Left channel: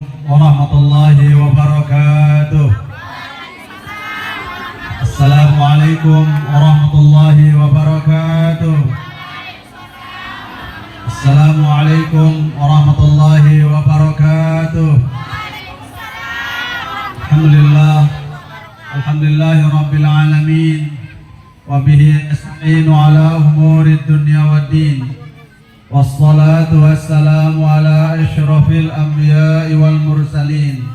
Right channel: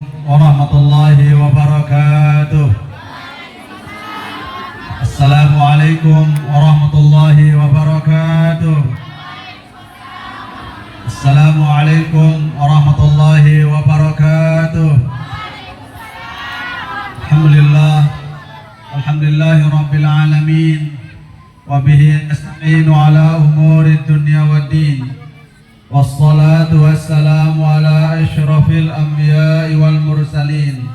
warahmatullahi wabarakatuh. Assalamualaikum warahmatullahi wabarakatuh. Assalamualaikum warahmatullahi wabarakatuh. Alhamdulillahi rabbil alamin. Wabihi nasta'inu ala umuri dunya waddin. Wassalatu wassalamu ala asyrafil anbiya'i wal mursalin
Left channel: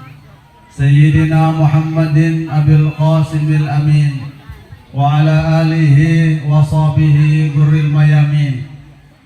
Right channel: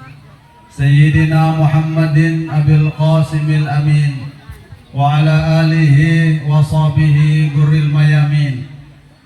Sayyidina Muhammadin abil qasimil amin wa ala alihi wa sahbihi gurril mayamin.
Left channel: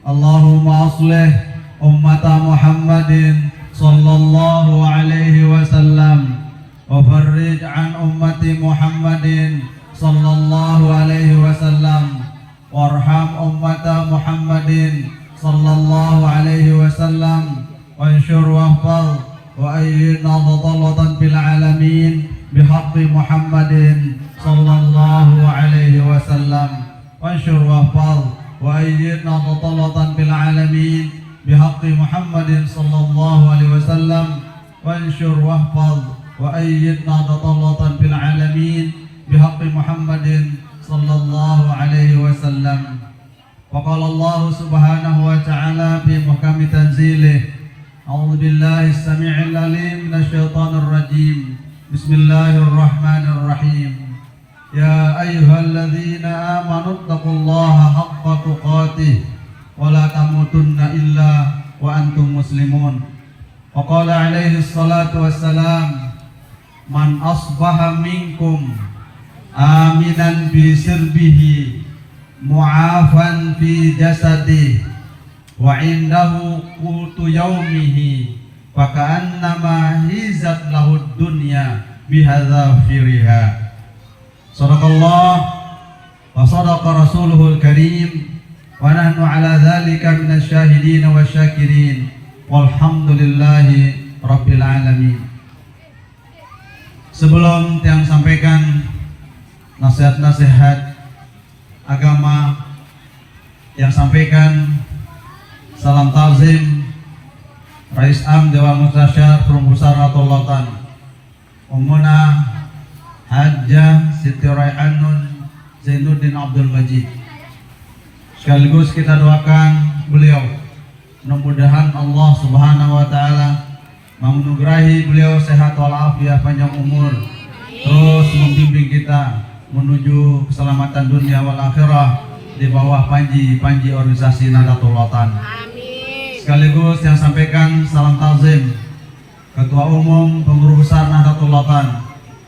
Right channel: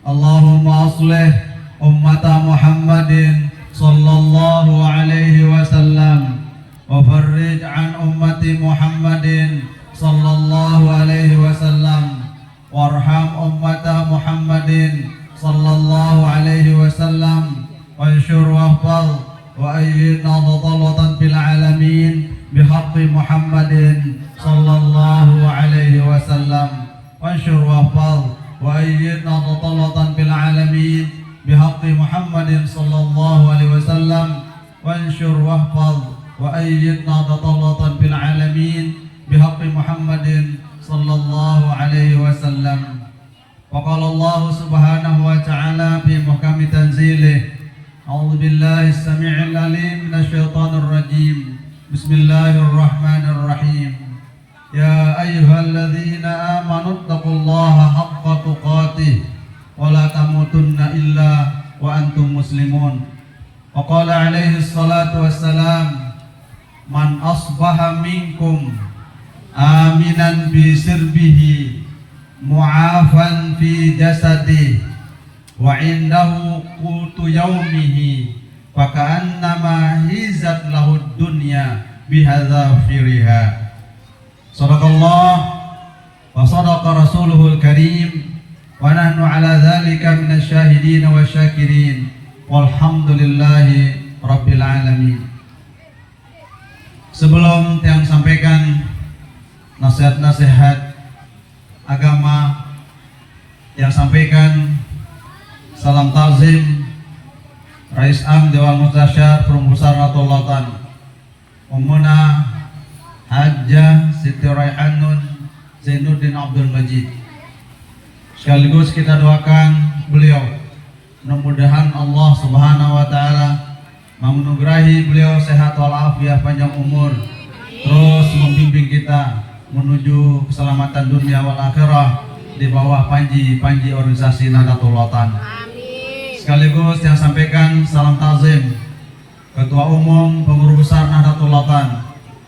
Allahumma aslih ummata Muhammadin sallallahu alaihi wasallam wa farrij an ummati Muhammadin sallallahu alaihi wasallam warham ummata Muhammadin sallallahu alaihi wasallam wa ansyur wahfal wa ayyidna dhalatan fil alamin bihaqqi Muhammadin sallallahu alaihi wasallam wa ansyur wahfal wa ayyidna dhalatan fil alamin bihaqqi Muhammadin sallallahu alaihi wasallam wa ansyur wahfal wa ayyidna dhalatan fil alamin bihaqqi Muhammadin sallallahu alaihi wasallam. وقال الله سبحانه وتعالى في محكم تنزيله أعوذ بالله السميع العليم من الشيطان الرجيم بسم الله الرحمن الرحيم يا أيها الذين آمنوا اتقوا الله حق تقاته ولا تموتن إلا وأنتم مسلمون وقال عليه الصلاة والسلام من أصبح منكم آمنا بسربه mu'afan fi jasadi wa indahu qutu yaumihi faka'annama hizat lahud dunya bihadza firiha. Sadaqallah wa sadaqa rasuluhul karim wa nahnu ala dzalika minasyahidin wa syakirin walhamdulillahi rabbil alamin. Sebelum yang sampaikan nasihat-nasihat agama yang sampaikan salam ta'zim Rais Am Dewan Mutasyar Perumbusar Natulatan Ummuna Hajjah Siti Raihanun Zainuddin Abdul Majid. Sekaligus kita doakan beliau, mudah-mudahan Allah Subhanahu wa taala menganugerahi beliau sehat walafiat, panjang umur, terus membimbing kita menuju keselamatan dunia wal akhirah di bawah panji organisasi Nahdlatul Ulama. Sekaligus yang sampaikan salam ta'zim Ketua Umum Pengurus Besar Nahdlatul Ulama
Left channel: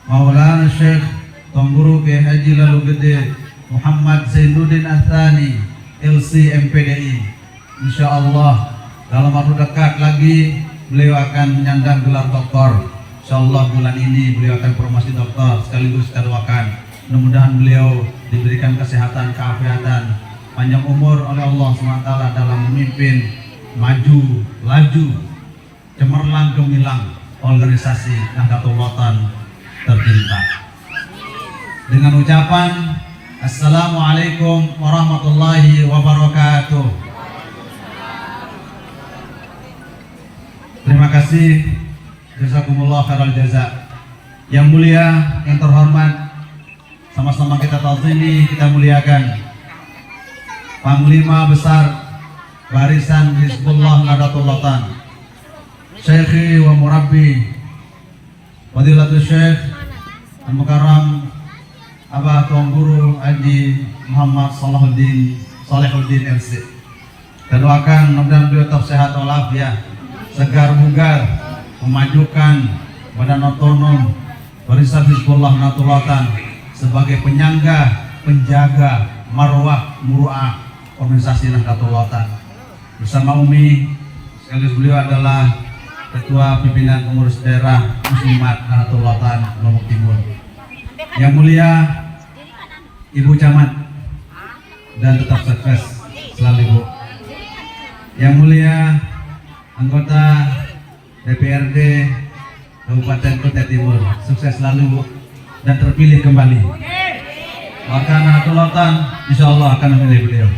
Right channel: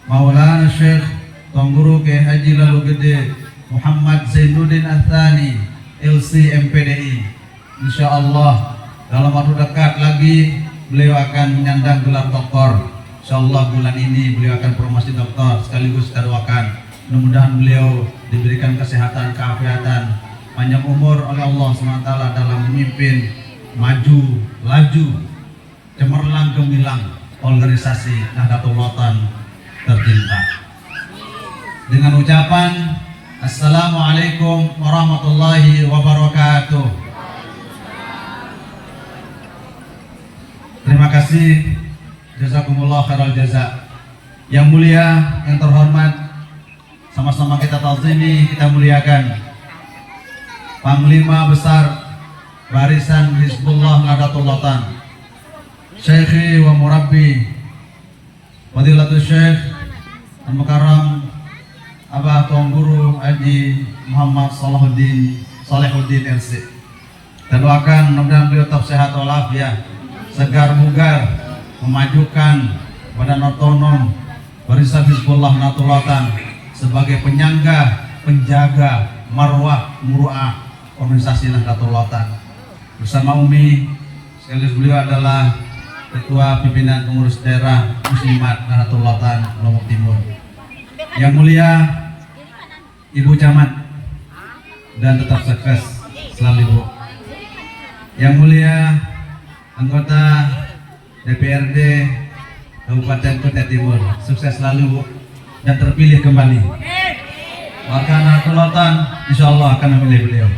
Maulana Syekh Tuan Guru Kiai Haji Lalu Gede Muhammad Zainuddin Athani LC MPDI. Insyaallah dalam waktu dekat lagi beliau akan menyandang gelar doktor. Insyaallah bulan ini beliau akan promosi doktor. Sekaligus kita doakan mudah-mudahan beliau diberikan kesehatan, keafiatan, panjang umur oleh Allah SWT dalam memimpin maju, laju, cemerlang, gemilang organisasi Nahdlatul Ulama tercinta. Dengan ucapan Assalamualaikum warahmatullahi wabarakatuh. Terima kasih, jazakumullah khairal jaza. Yang mulia, yang terhormat, sama-sama kita ta'zimi, kita muliakan Panglima Besar Barisan Hizbullah Nahdlatul Ulama Syekhi wa Murabbi Fadilatul Syekh Al-Mukarram Abah Tuan Guru Haji Muhammad Salahuddin LC. Kita doakan mudah-mudahan beliau tetap sehat walafiat, segar bugar, memajukan badan otonom Barisan Hizbullah Nahdlatul Ulama sebagai penyangga, penjaga marwah muru'ah organisasi Nahdlatul Ulama. Bersama Umi, sekaligus beliau adalah Ketua Pimpinan Pengurus Daerah Muslimat Nahdlatul Ulama Lombok Timur. Yang mulia Ibu Camat dan tetap sukses selalu Ibu. Yang mulia anggota DPRD Kabupaten Kutai Timur, sukses selalu Bu, dan terpilih kembali. Warga Nahdlatul Ulama insyaallah akan memilih beliau.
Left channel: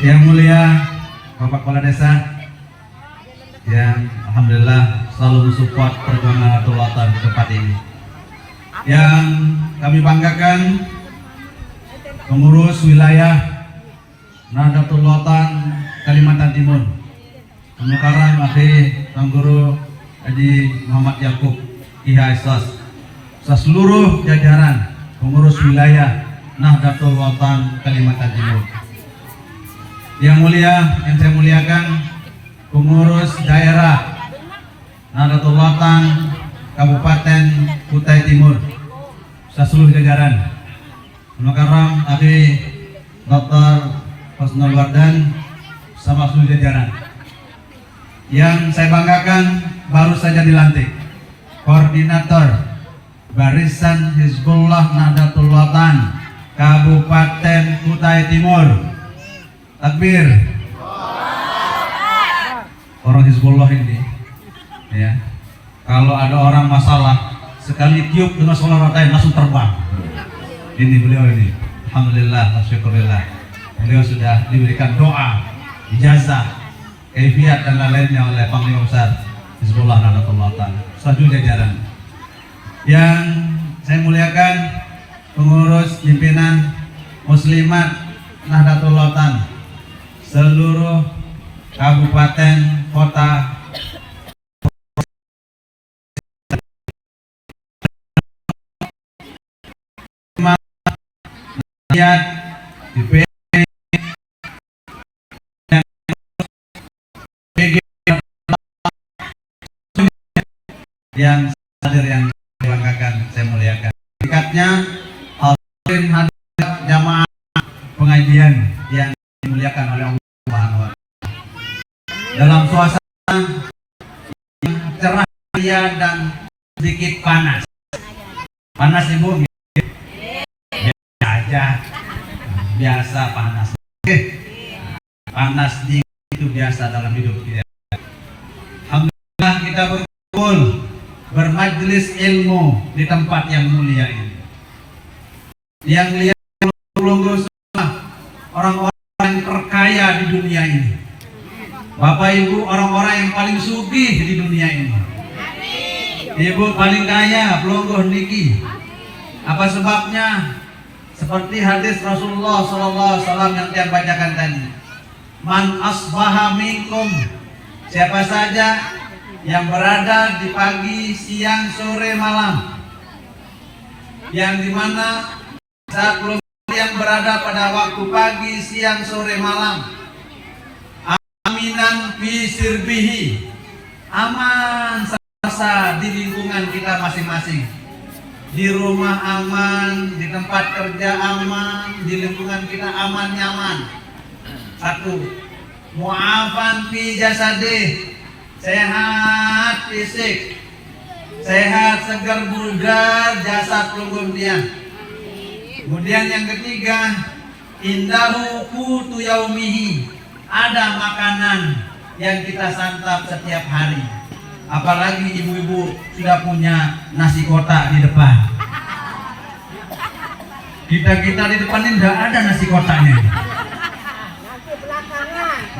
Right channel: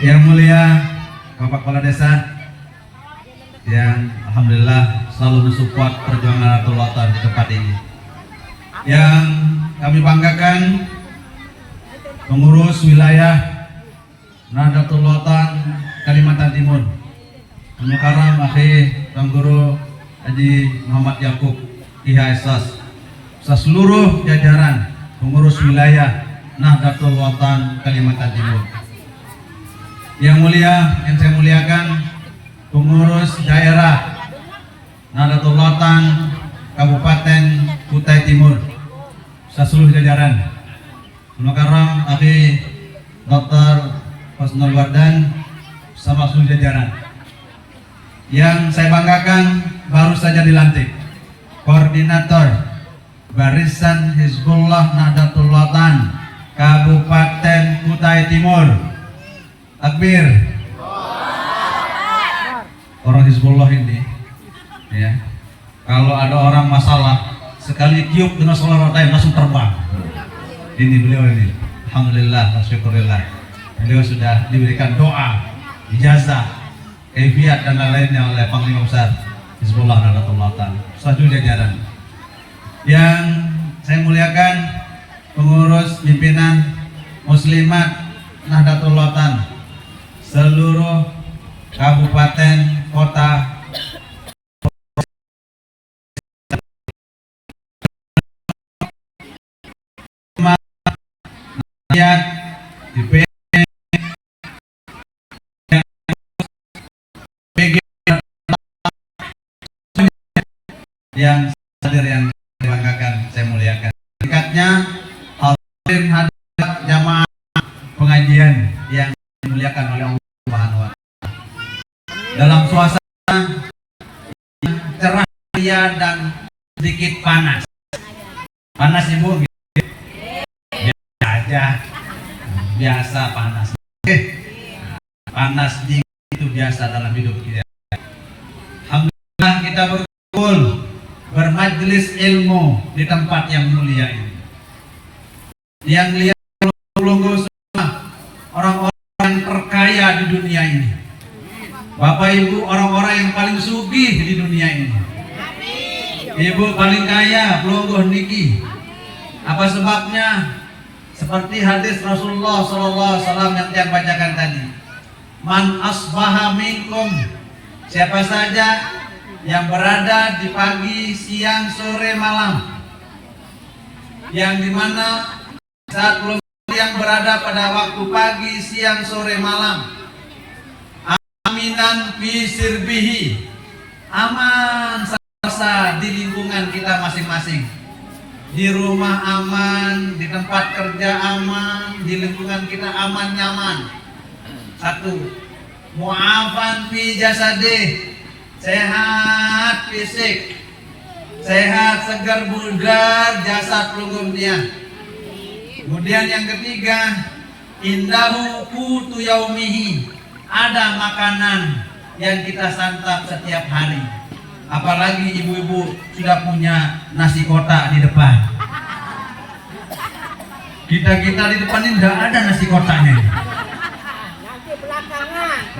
Yang mulia Bapak Kepala Desa yang alhamdulillah selalu mensupport perjuangan Nahdlatul Ulama di tempat ini. Yang kami banggakan pengurus wilayah Nahdlatul Ulama Kalimantan Timur, Mukarram Akhi Tuan Guru Haji Muhammad Yakub IHSS, seluruh jajaran pengurus wilayah Nahdlatul Ulama Kalimantan Timur. Yang mulia, yang saya muliakan pengurus daerah Nahdlatul Ulama Kabupaten Kutai Timur, seluruh jajaran, Mukarram Akhi Dr. Husnul Wardan sama seluruh jajaran. Yang saya banggakan baru saja dilantik koordinator Barisan Hizbullah Nahdlatul Ulama Kabupaten Kutai Timur. Takbir. Orang Hizbullah ini, ya, kalau ada orang masalah sekali tiup dengan suara roda langsung terbang. Ini beliau ini, alhamdulillah, syukurillah. Beliau sudah diberikan doa, ijazah, kaifiat dan lain-lainnya oleh Panglima Besar Hizbullah Nahdlatul Ulama satu jajaran. Yang saya muliakan pengurus pimpinan Muslimat Nahdlatul Ulama seluruh kabupaten kota di yang hadir, yang dibanggakan, saya muliakan. Berikutnya hadirin hadirat jamaah pengajian yang dimuliakan oleh Allah Subhanahu wa Ta'ala. Dalam suasana yang cerah ceria dan sedikit panas. Panas Ibu? Biasa aja. Biasa panas. Panas dingin itu biasa dalam hidup kita. Alhamdulillah kita berkumpul bermajlis ilmu di tempat yang mulia ini. Yang lihat semua orang-orang terkaya di dunia ini. Bapak Ibu orang-orang yang paling sugih di dunia ini. Ibu paling kaya pelungguh niki. Apa sebabnya? Seperti hadis Rasulullah SAW yang saya bacakan tadi. Man asbaha minkum, siapa saja yang berada di pagi, siang, sore, malam, yang dimana saat belum yang berada pada waktu pagi, siang, sore, malam, aminan fi sirbihi, aman sentosa di lingkungan kita masing-masing, di rumah aman, di tempat kerja aman, di lingkungan kita aman nyaman. Satu, mu'afan fi jasadih, sehat fisik, sehat segar bugar jasad pelungguhnya. Kemudian yang ketiga, indahu qutu yaumihi, ada makanan yang kita santap setiap hari. Apalagi ibu-ibu sudah punya nasi kotak di depan. Kita di depan ini tidak ada nasi kotaknya.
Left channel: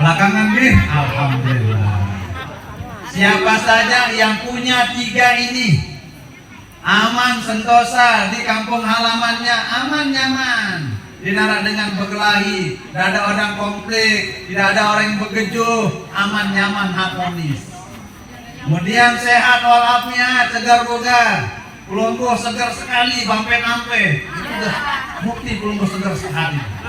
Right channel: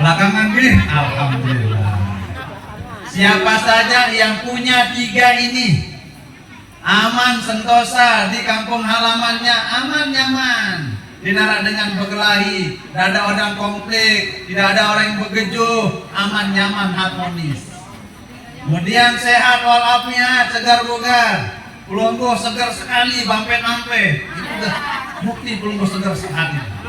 Belakangan deh, alhamdulillah. Siapa saja yang punya tiga ini, aman sentosa di kampung halamannya, aman nyaman, tidak dengan berkelahi, tidak ada orang konflik, tidak ada orang yang begejuh, aman nyaman harmonis. Kemudian sehat walafiat, segar bugar, pelungguh segar sekali, bampe-ampe, itu udah bukti pelungguh segar sekali.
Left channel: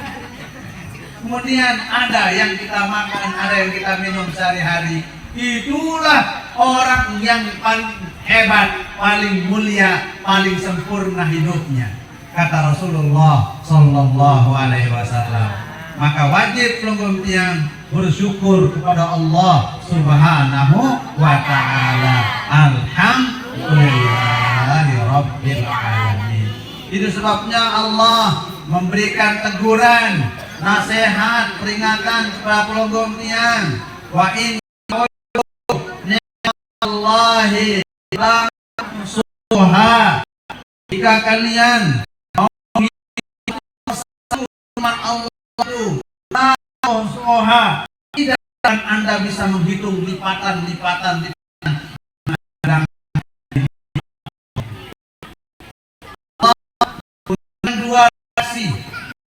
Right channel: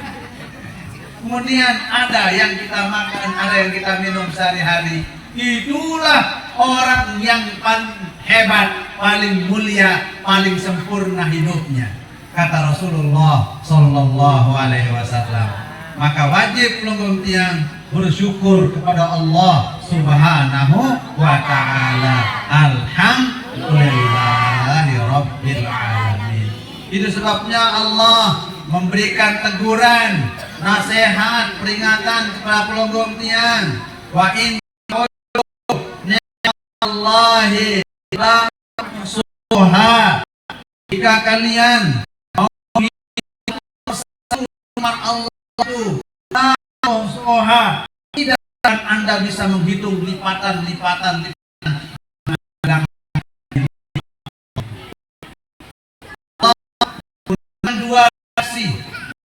Kemudian ada yang kita makan, ada yang kita minum sehari-hari. Itulah orang yang paling hebat, paling mulia, paling sempurna hidupnya, kata Rasulullah Sallallahu Alaihi Wasallam. Maka wajib pelungguh tiang bersyukur kepada Allah Subhanahu wa Ta'ala. Alhamdulillahi Rabbil Alamin. Itu sebabnya Allah memberikan teguran, nasihat, peringatan kepada pelungguh tiang. Wa in Allahi suha, jika kalian mau Allah itu suha, tidak akan Anda kita bisa menghitung lipatan. Dua sisi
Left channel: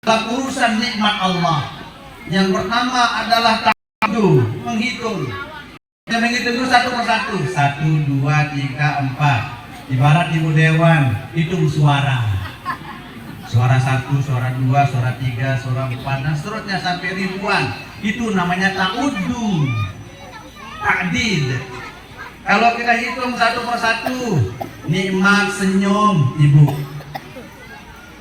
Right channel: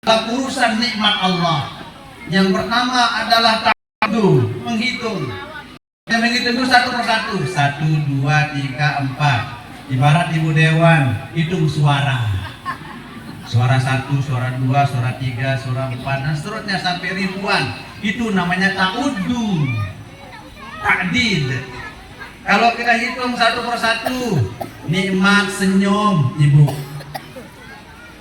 dalam urusan nikmat Allah. Yang pertama adalah ta'addu, menghitung. Kita menghitung dulu satu persatu. 1, 2, 3, 4. Ibarat ibu dewan, hitung suara. Suara 1, suara 2, suara 3, suara 4, dan seterusnya sampai ribuan. Itu namanya ta'uddu, ta'did. Kalau kita hitung satu persatu, nikmat senyum ibu.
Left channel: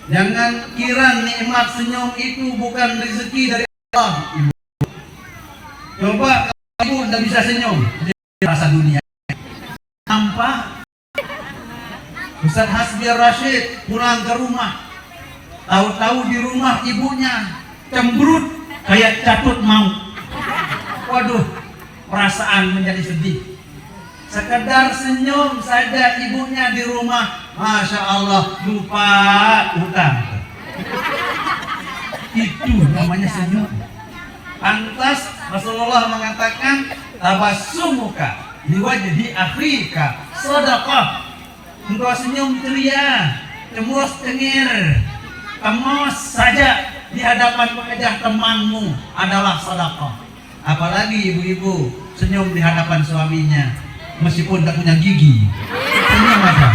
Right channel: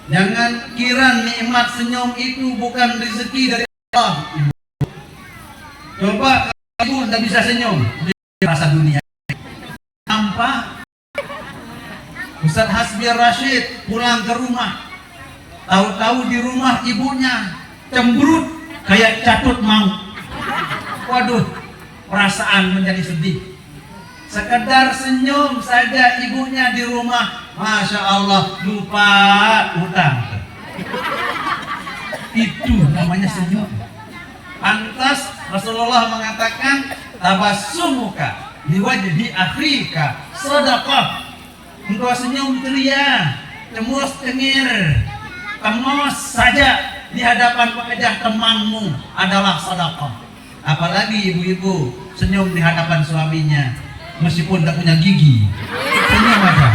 Jangan kira nikmat senyum itu bukan rezeki dari Allah, ibu. Coba ibu tidak bisa senyum, rasa dunia. Nampak Ustaz Hasbi Rashid pulang ke rumah, tahu-tahu di rumah ibunya cemberut kayak catut maut. Waduh, perasaan menjadi sedih. Sekedar senyum saja ibunya di rumah, Masya Allah, lupa utang. Itu namanya senyum. Pantas Rasulullah mengatakan, tabassumuka liwajhi akhika sadaqah. Engkau senyum ceria, cemus cengir, temos saja di hadapan wajah temanmu adalah sedekah. Apalagi ibu-ibu senyum di hadapan suaminya, meskipun tak punya gigi, senyum aja.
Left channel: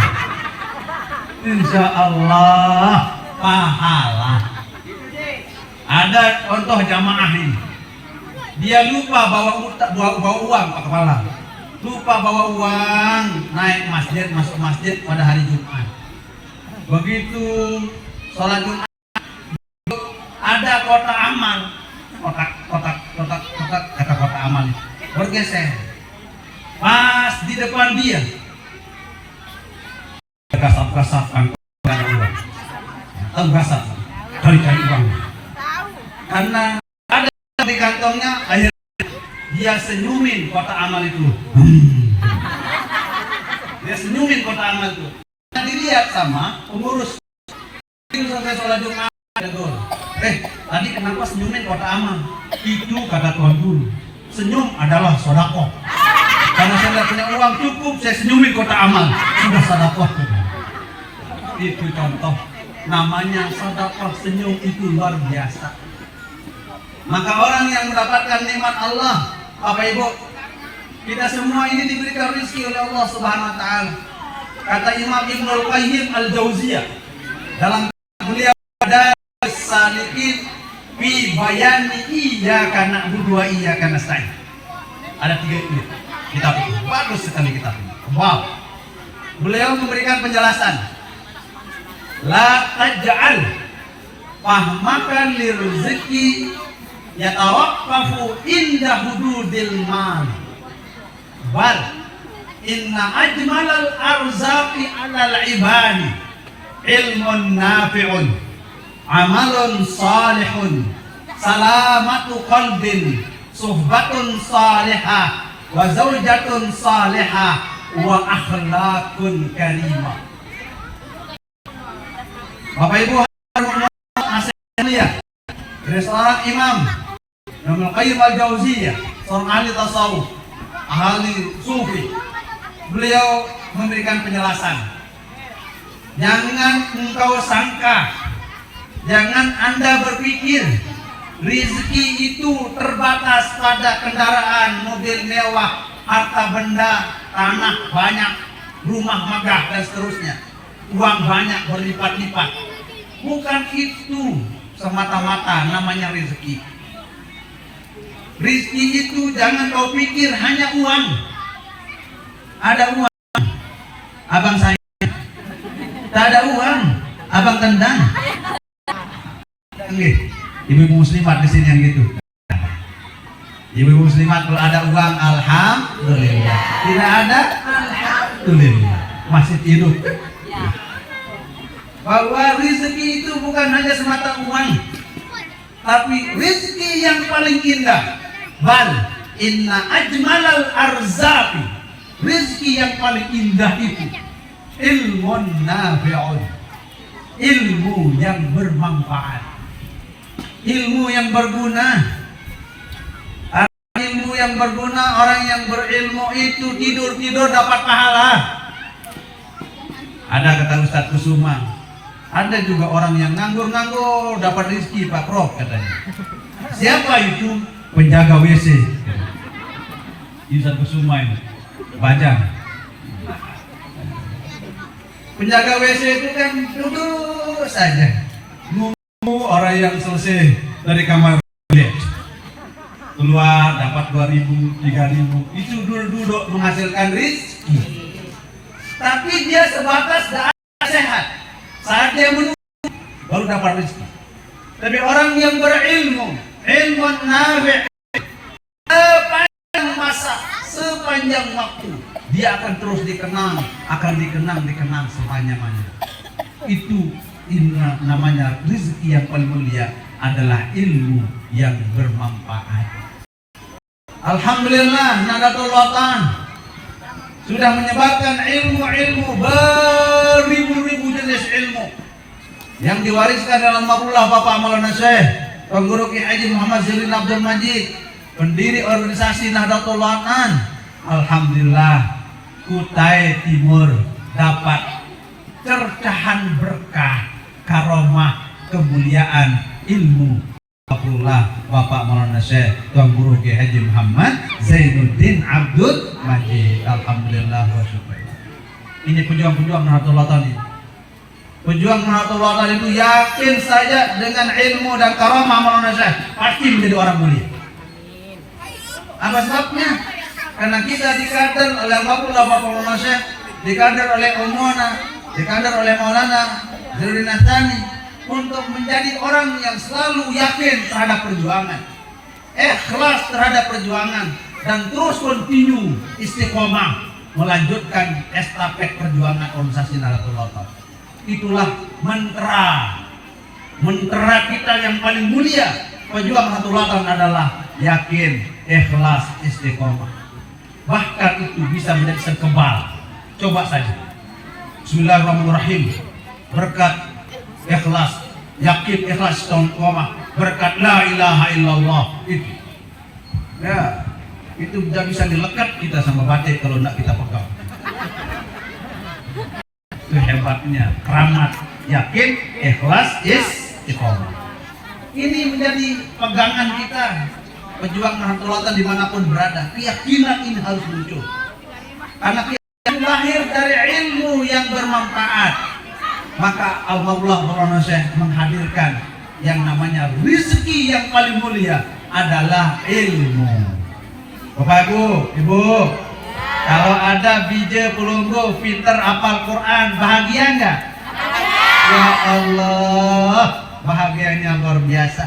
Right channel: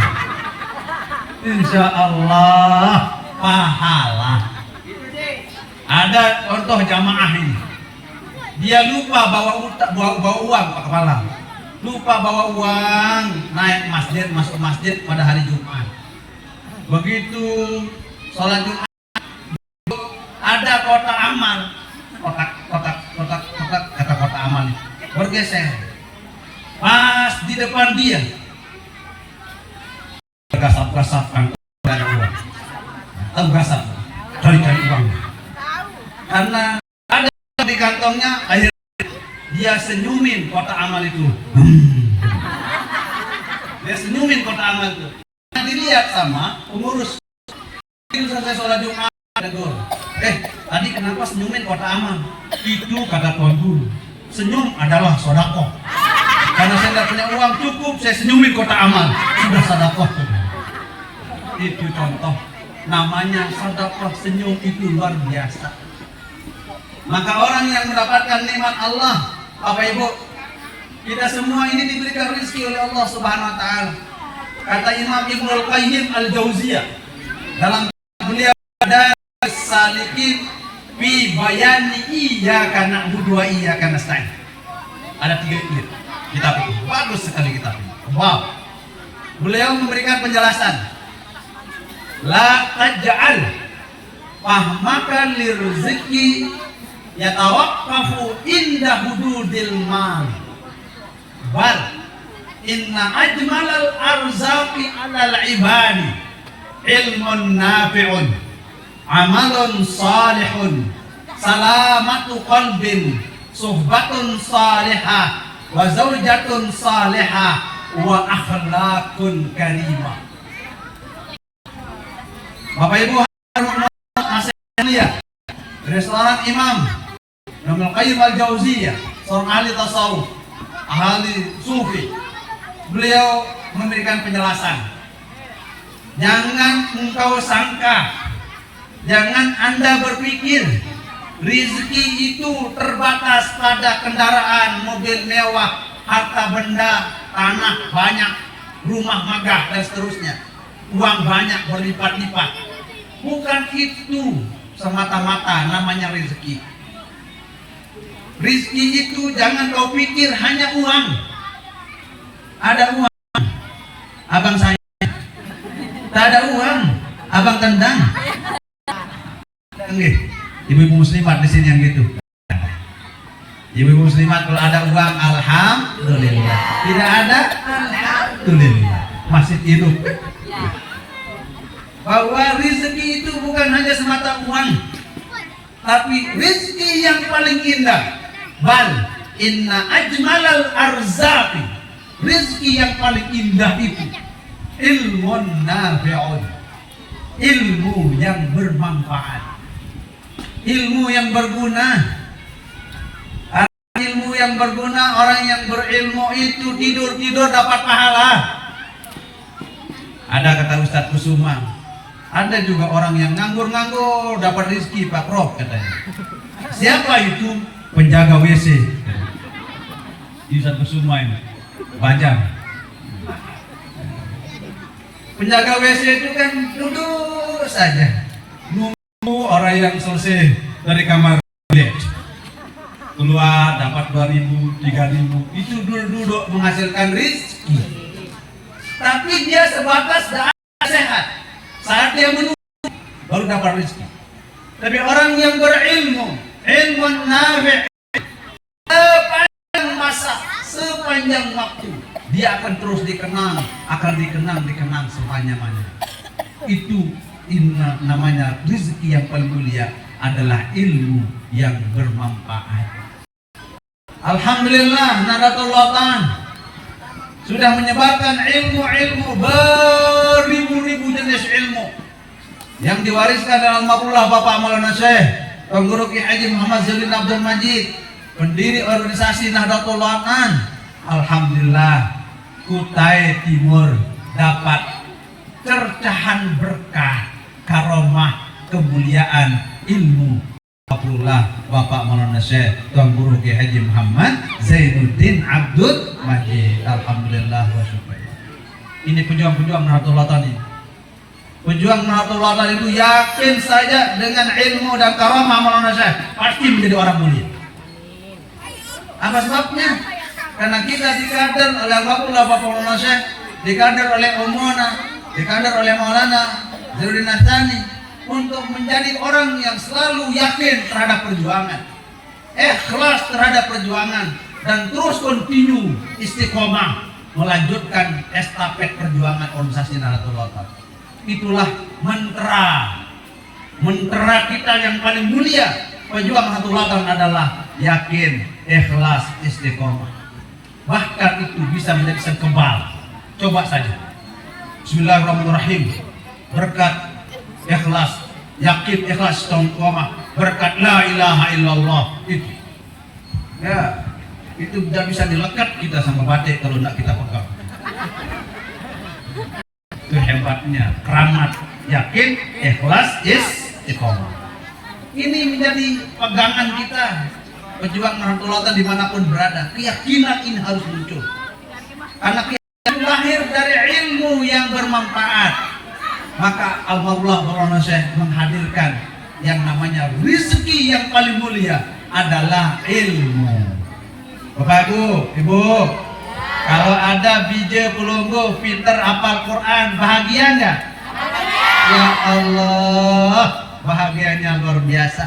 Insya Allah pahala. Ada contoh jamaah ini, dia lupa bawa uang ke kepala. Lupa bawa uang, naik masjid, masuk masjid pada hari Jumat. Begitu sholat Jumat, ada kotak amal, kotak kata kotak amal bergeser. Pas di depan dia, kasap uang, cari uang. Karena ada di kantongnya, akhirnya dia senyumin kotak amal itu. Dia senyumin kotak amal itu. Dilihat sama pengurus. Sampai sholat Jumat, tadi kenapa senyumin kotak amal? Itu kata Tuhan Guru, senyum adalah sedekah. Karena saya tidak punya uang cukup, saya senyumin kotak amal, sudah sedekah. Itu contoh, namanya sedekah. Senyum itu luar biasa. Maka orang yang mendapatkan nikmat Allah, Bapak Ibu, kita semua ini diberikan rezeki oleh Allah Subhanahu wa taala. Kata Imam Ibnul Qayyim Al-Jauziyah dalam beliau ada salikin fi bayani iyyaka na'budu wa iyyaka nasta'in. Ada 3 itu. Kitab itu bagus sekali kitab ini. Wow. Beliau memberikan penjelasan. La taj'al fahmaka lirzqi yatawaqqafu inda hududil mal. Bal inna ajmalal arzaqi 'alal ibadi ilmun nafi'un, amalun salihun, salamatu qalbin, suhbatun salihah, wa zawjatun salihah, wa akhlaqun karimah. Bapak Ibu masih lihat dari seorang imam Ibnu Qayyim Al-Jauziyah, seorang ahli tasawuf, ahli sufi. Beliau memberikan penjelasan. Jangan engkau sangka, jangan Anda berpikir rezeki itu terbatas pada kendaraan, mobil mewah, harta benda, tanah banyak, rumah megah dan seterusnya, uang banyak berlipat-lipat. Bukan itu semata-mata namanya rezeki. Rezeki itu jangan kau pikir hanya uang. Ada uang, abang saya. Tak ada uang, abang tendang. Ibu muslimat di sini yang gitu. Ibu muslimat kalau ada uang, alhamdulillah. Tidak ada, alhamdulillah. Masih hidup. Bahwa rezeki itu bukan hanya semata uang, tapi rezeki yang paling indah. Bal inna ajmalal arzaqi, rezeki yang paling indah itu ilmun nafi'un, ilmu yang bermanfaat, ilmu yang berguna. Ilmu yang yang berguna, orang yang berilmu itu tidur dapat pahala. Ada kata Ustadz Kusuma, ada juga orang yang nganggur dapat rezeki Pak Prof katanya. Siapa itu? Penjaga WC. Ustadz Kusuma ini, Bajang. Penjaga WC itu kan duduk saja, nunggu orang yang selesai dari kamar dia keluar dapat 2.000, 3.000, itu duduk menghasilkan rezeki. Tapi dia sebatas sehat. Saat dia menunggu baru dapat rezeki. Tapi orang yang berilmu, ilmu nafi' sepanjang masa, sepanjang waktu, dia akan terus dikenang sepanjang masa. Itu namanya rezeki yang paling mulia adalah ilmu yang bermanfaat. Alhamdulillah, Nahdlatul Ulama sudah menyebarkan ilmu beribu-ribu jenis ilmu yang diwariskan dalam mapullah Bapak Maulana Syekh Tuan Guru Ki Haji Muhammad Zamin Abdul Majid, pendiri organisasi Nahdlatul Ulama. Alhamdulillah, Kutai Timur dapat tercahan berkah, karomah, kemuliaan ilmu Abdullah Bapak Maulana Syekh Tuan Guru Ki Haji Muhammad Zainuddin Abdul Majid. Alhamdulillah wa syukur. Ini pejuang-pejuang Nahdlatul Ulama. Pejuang Nahdlatul Ulama itu yakin saja dengan ilmu dan karamah Maulana Syekh pasti menjadi orang mulia. Apa sebabnya? Karena kita dikader oleh Abdullah Bapak Maulana Syekh, dikader oleh Umana, dikader oleh Maulana Zainuddin Nastani untuk menjadi orang yang selalu yakin terhadap perjuangan, ikhlas terhadap perjuangan, dan terus kontinu istiqomah melanjutkan estafet perjuangan organisasi Nahdlatul Ulama. Itulah mantra kita yang paling mulia. Pejuang Nahdlatul Ulama adalah yakin, ikhlas, istiqomah. Bahkan itu bisa menjadi sekebal. Coba saja. Bismillahirrahmanirrahim. Berkat ikhlas, yakin, ikhlas, istiqomah, berkat la ilaha illallah itu. Ya, itu tidak bisa dilekat kita sama batik kalau tidak kita pegang. Itu hebatnya, keramat, yakin, ikhlas, istiqomah. Ini menjadi pegangan kita, pejuang Nahdlatul Ulama dimanapun berada. Keyakinan ini harus muncul, karena keyakinan lahir dari ilmu yang bermanfaat. Maka Allah Maulana Syekh menghadirkan yang namanya rezeki yang paling mulia adalah ilmu. Bapak Ibu, kalau ada biji pelunggu pinter hafal Quran, bahagia enggak? Ya Allah, bahagianya luar biasa.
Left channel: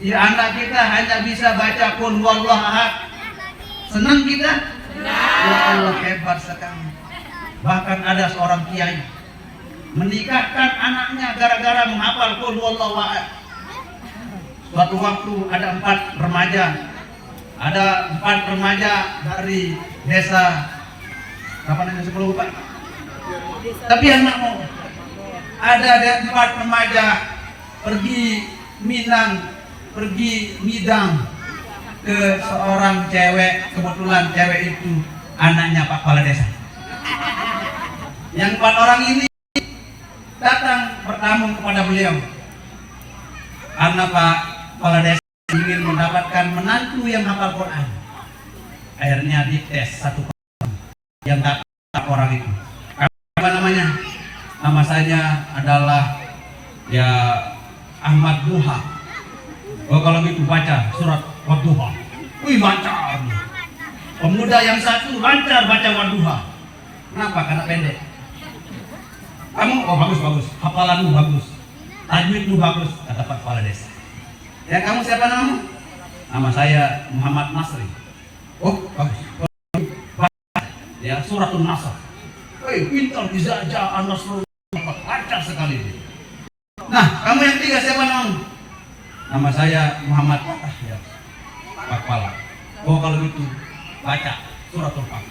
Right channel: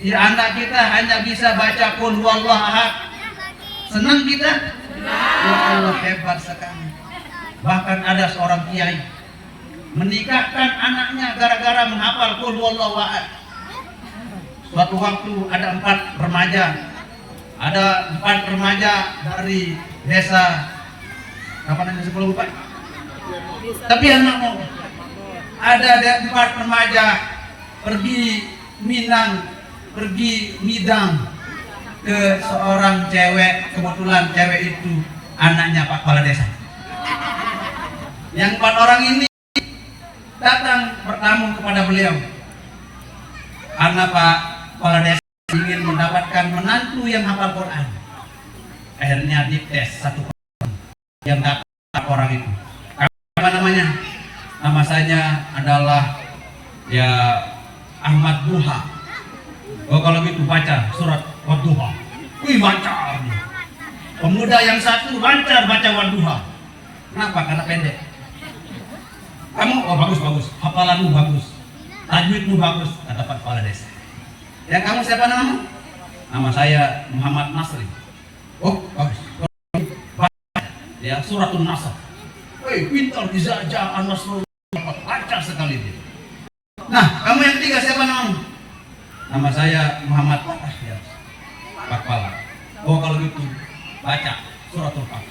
Ya, anak kita hanya bisa baca qul huwallahu ahad, senang kita? Ya Allah, hebat sekali. Bahkan ada seorang kiai menikahkan anaknya gara-gara menghafal qul huwallahu ahad. Suatu waktu ada 4 remaja dari desa apa namanya sebelum bukan. Tapi anak mau ada 4 remaja pergi midang ke seorang cewek. Kebetulan cewek itu anaknya Pak Kepala Desa. Yang 4 orang ini datang bertamu kepada beliau karena Pak Kepala Desa ingin mendapatkan menantu yang hafal Quran. Akhirnya dites 1 yang dapat orang itu. Apa namanya? Nama saya adalah ya Ahmad Duha. Oh, kalau gitu baca surat Wadduha. Wih, lancar. Pemuda yang satu lancar baca Wadduha. Kenapa? Karena pendek. Kamu, oh bagus, hafalanmu bagus, tajwidmu bagus, kata Pak Kepala Desa. Ya, kamu siapa namamu? Nama saya Muhammad Nasri. Oh bagus. Ya, suratul Nasr. Pintar dijajah An-Nasrullah, lancar sekali dia. Nah, kamu yang 3 siapa namamu? Nama saya Muhammad Ahyar, Pak Kepala. Oh kalau gitu baca suratul Kahf.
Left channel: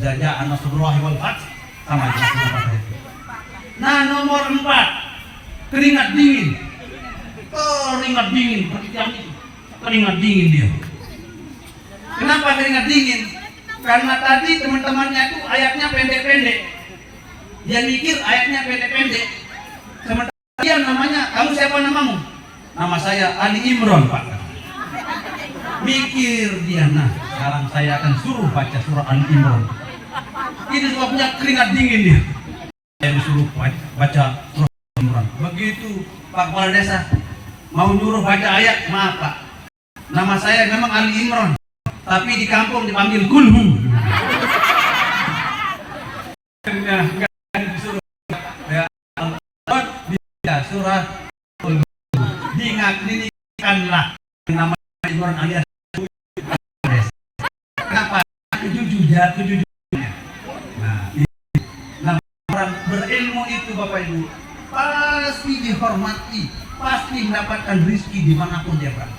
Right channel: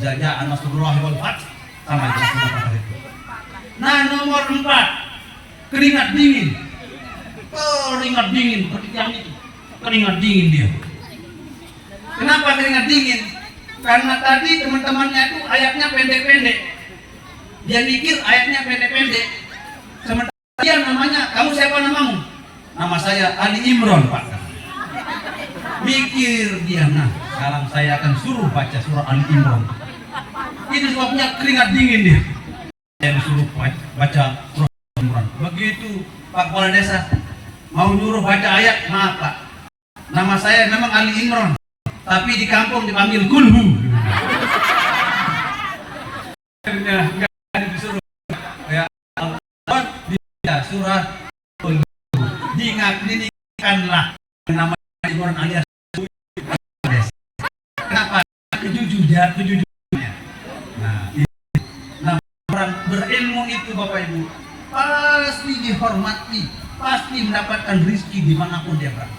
Jajah An-Nasrullah wal Fath sama jelasnya. Nah, nomor 4, keringat dingin. Keringat dingin, perhatikan itu. Keringat dingin dia. Kenapa keringat dingin? Karena tadi teman-temannya itu ayatnya pendek-pendek. Dia mikir ayatnya pendek-pendek. Sementara dia namanya, kamu siapa namamu? Nama saya Ali Imron, Pak. Mikir dia, nah sekarang saya akan suruh baca surah Ali Imron. Ini sebabnya keringat dingin dia. Saya disuruh baca surah Ali Imron. Begitu Pak Kepala Desa mau nyuruh baca ayat, maaf Pak, nama saya memang Ali Imron, tapi di kampung dipanggil Kulhu. Enggak disuruh ya Allah surah Kulhu. Diingatkanlah nama Imron alias kenapa? Tujuh. Nah, orang berilmu itu Bapak Ibu pasti dihormati, pasti mendapatkan rizki dimanapun dia berada.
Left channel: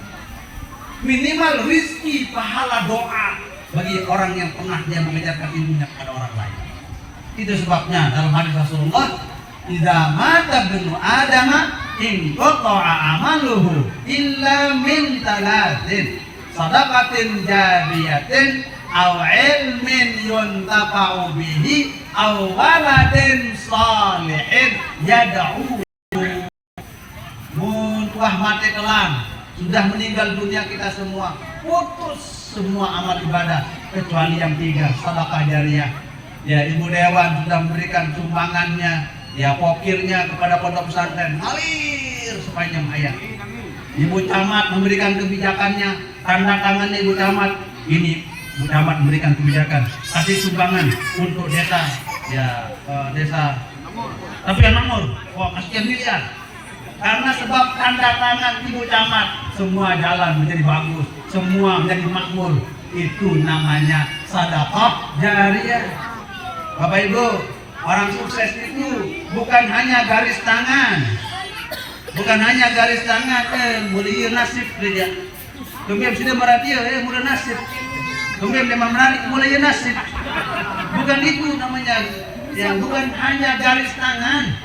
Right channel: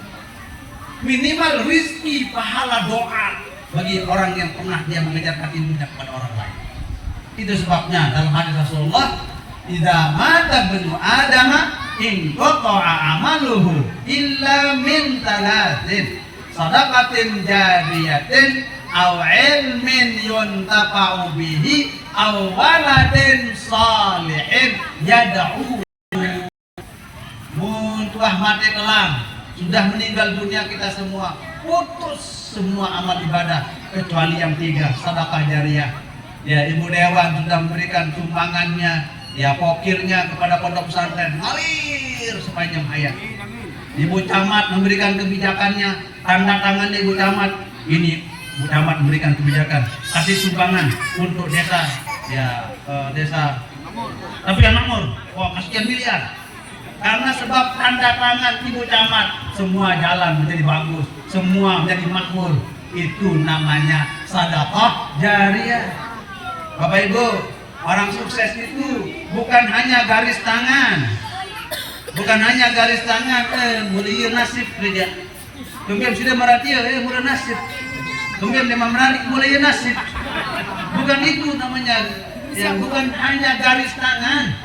Minimal rizki pahala doa bagi orang yang pernah dia mengajarkan ilmunya kepada orang lain. Itu sebabnya dalam hadis Rasulullah, idza mata ibnu adama in qata'a amaluhu illa min talatin sadaqatin jariyatin aw ilmin yuntafa'u bihi aw waladin salihin yad'u. Muntah mati kelam, sudah meninggal dunia kita semua, putus semua amal ibadah kecuali yang tiga, sedekah jariyah. Ya, Ibu Dewan sudah memberikan sumbangannya, ya pokirnya kepada pondok pesantren, ngalir sepanjang hayat. Ibu Camat memberikan kebijakannya, tanda tangannya Ibu Camat, ini Ibu Camat memberikan kebijakan, kasih sumbangan untuk desa, ya desa. Tapi yang nomor, sekian miliar. Karena sebab tanda tangan Ibu Camat, semua jalan menjadi bagus, semua menjadi makmur. Itu namanya sedekah jariyah. Bapak Ibu, orang sukses itu bukan hanya garis tangan, mulia nasib dia. Kemudian sudah meratia, mulia nasib. Kemudian memang menarik mulia nasib. Bukan itu namanya, ya bukan hanya garis tangan.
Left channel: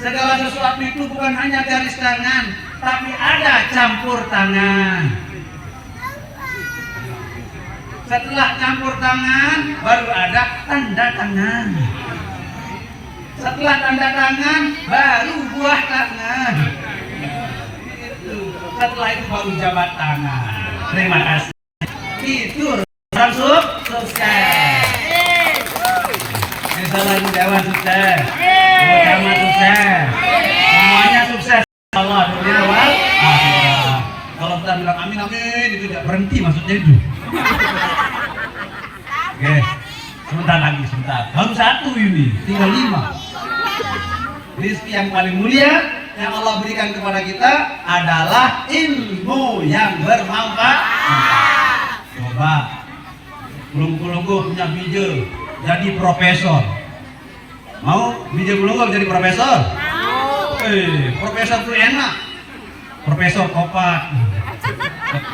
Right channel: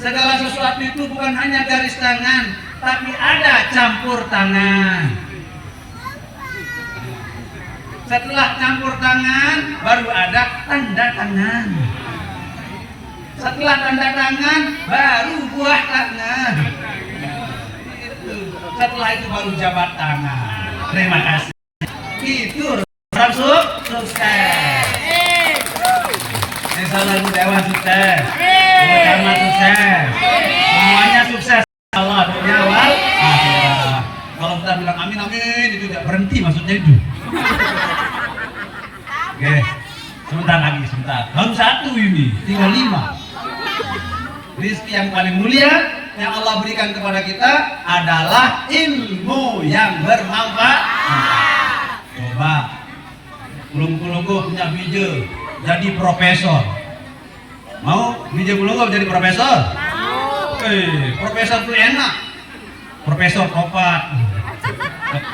Segala sesuatu itu bukan hanya garis tangan, tapi ada campur tangan. Setelah campur tangan, baru ada tanda tangan. Setelah tanda tangan, baru buah tangan. Setelah itu baru jabat tangan. Terima kasih. Itu langsung sukses. Misalnya Dewan sukses, Camat sukses, semuanya sukses. Allah berdoa. Kalau kita bilang amin amin itu tidak berhenti, maksudnya itu. Oke, sebentar. Baru satu ini, tinggal 5. Rizki yang paling mulia yang Allah berikan kepada kita adalah ilmu yang bermanfaat. Coba, Kulungku punya bije jadi profesor. Mau bije Kulungku jadi profesor? Profesor itu enak. Profesor Kopat.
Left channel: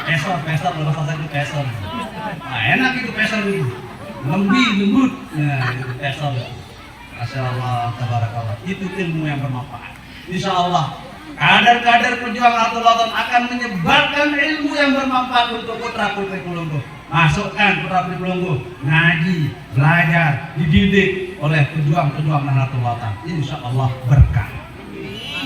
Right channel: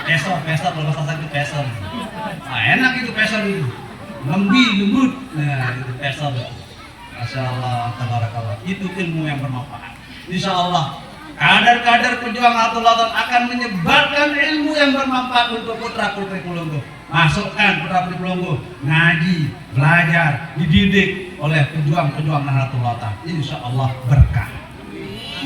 Profesor kalau bahasa itu profesor. Nah, enak itu profesor itu. Lembut. Nah, itu profesor. Masya Allah, tabarakallah. Itu ilmu yang bermanfaat. Insya Allah, kader-kader pejuang Nahdlatul Ulama akan menyebarkan ilmu yang bermanfaat untuk putra-putri Kulungku. Masukkan putra-putri Kulungku ngaji, belajar, dididik oleh pejuang-pejuang Nahdlatul Ulama. Insya Allah berkah.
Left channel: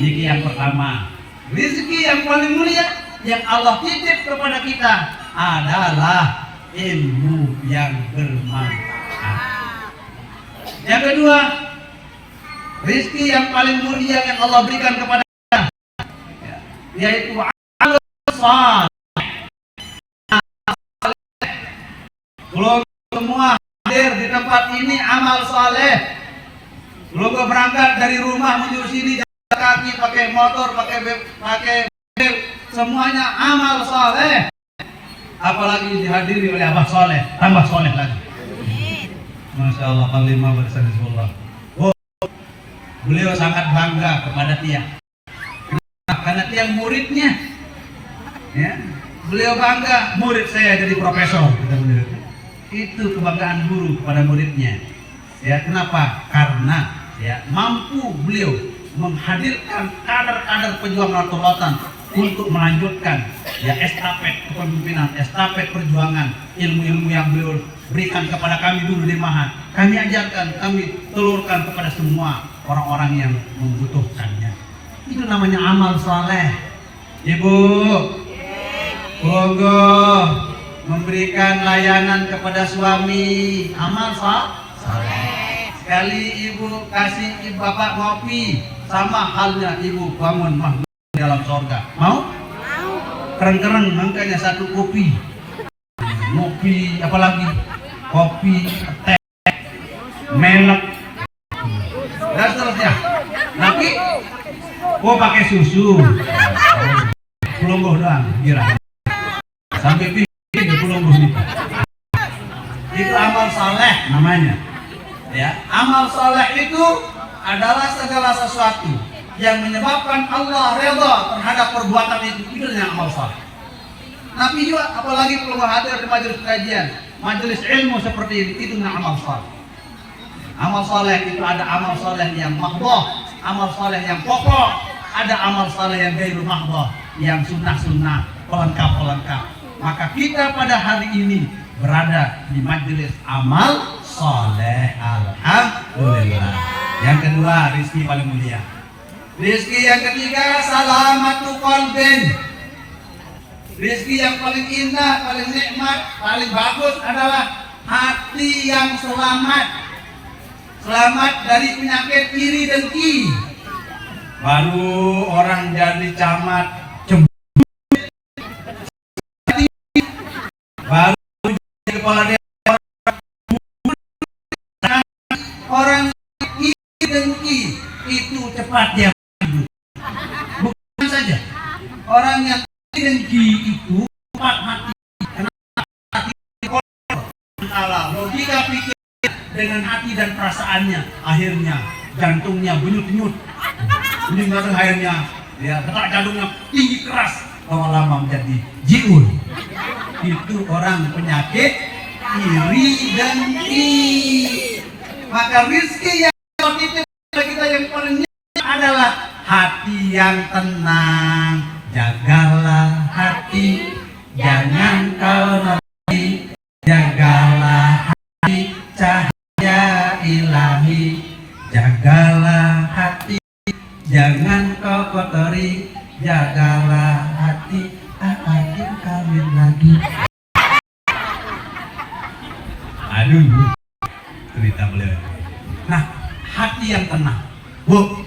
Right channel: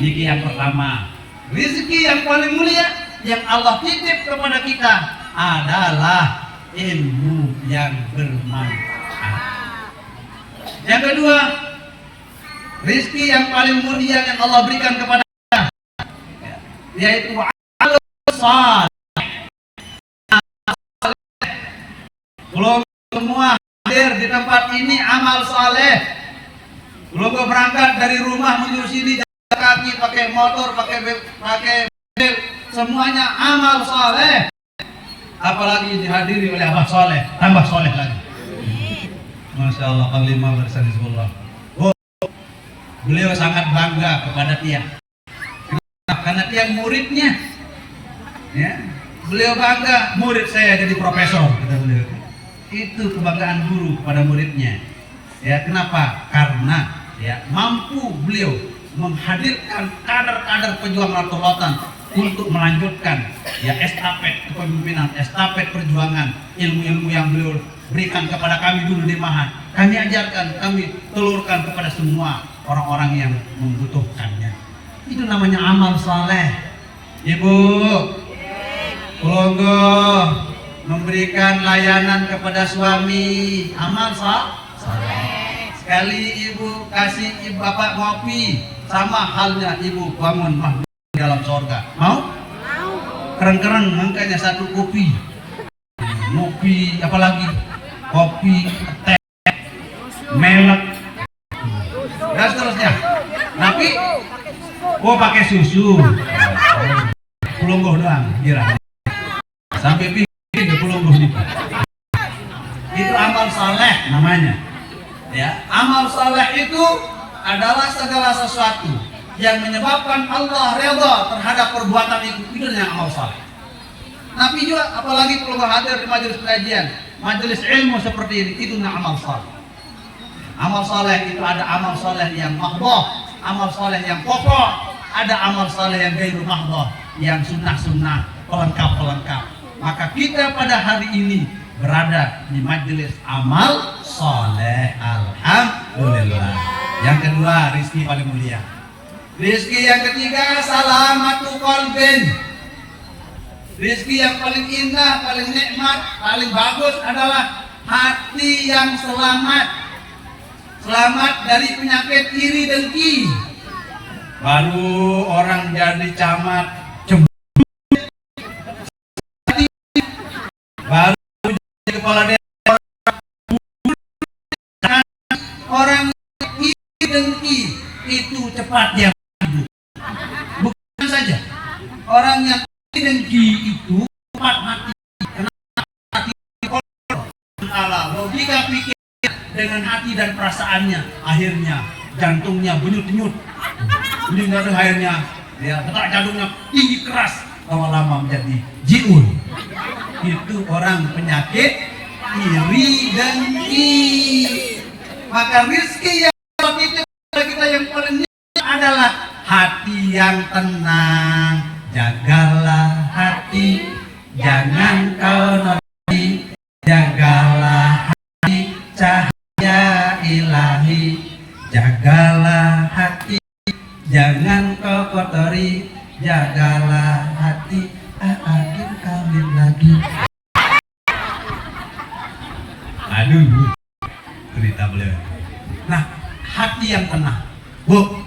Ini yang pertama. Rezeki yang paling mulia yang Allah titip kepada kita adalah ilmu yang bermanfaat. Yang kedua, rezeki yang paling mulia yang Allah berikan kepada kita yaitu amal saleh. Kalau semua hadir di tempat ini amal saleh, kalau berangkat dari rumah menuju sini kaki, pakai motor, pakai mobil, semuanya amal saleh. Apalagi dihadiri oleh Abah Saleh, tambah soleh lagi. Masya Allah, kalimah bersanizullah. Beliau sangat bangga kepada Tiang. Karena Tiang muridnya, ya, beliau bangga murid saya jadi profesor. Itu kebanggaan guru pada muridnya. Ya, kenapa? Karena ya mampu beliau menghadirkan kader-kader pejuang Nahdlatul Ulama untuk melanjutkan ya estafet kepemimpinan, estafet perjuangan, ilmu-ilmu yang beliau berikan kepada kami dulu di Mahat. Kami ajarkan, kami telurkan kepada semua orang-orang yang membutuhkannya. Itu namanya amal saleh. Ibu, monggo memberikan layanan kepada suami, amal saleh. Sekali ibu kasih ibu bapak ngopi, sama halnya ibu bangun mahmud dalam surga. Mau? Keren-keren angkanya satu kopi, ngopi apalagi kopi, teh, melek, dan seterusnya. Tapi, pakai susu. Pelungguh doang, kira sampai bikin pelungguh nih. Itu amal saleh namanya. Ya, amal saleh itu adalah segala sesuatu yang menyebabkan Allah redha terhadap perbuatan itu dengan amal saleh. Tapi juga apalagi kalau hadir di majelis kajian, majelis ilmu seperti ini, itu amal saleh. Amal saleh itu ada amal saleh yang mahdhah, amal saleh yang pokok, ada amal saleh yang ghairu mahdhah, yang sunnah-sunnah, pelengkap-pelengkap. Maka kita pada hari ini berada di majelis amal saleh, alhamdulillah. Yang kedua, rizki paling mulia. Rizki yang ketiga, salamatu qalbin. Rizki yang paling indah, paling nikmat, paling bagus adalah hati yang selamat. Selamat dari penyakit iri dengki. Baru orang jadi camat baru jadi kepala daerah, orang iri dengki itu cepat dia maju. Bukan saja orang yang iri dengki itu cepat mati, karena hati kotor. Logika pikir dengan hati dan perasaannya, akhirnya jantungnya benyut-benyut, benyut akhirnya ya detak jantungnya tinggi keras, lama-lama menjadi jiul. Itu orang penyakit iri dengki. Maka rizki yang kita yang paling adalah hati yang tenang. Jagalah hati, jangan kau nopi. Jagalah hati, cahaya ilahi. Jagalah hati, jangan kau kotori. Jagalah hati, akan kawin lagi. Aduh, cerita beliau. Nah, hati yang tenang. Bu,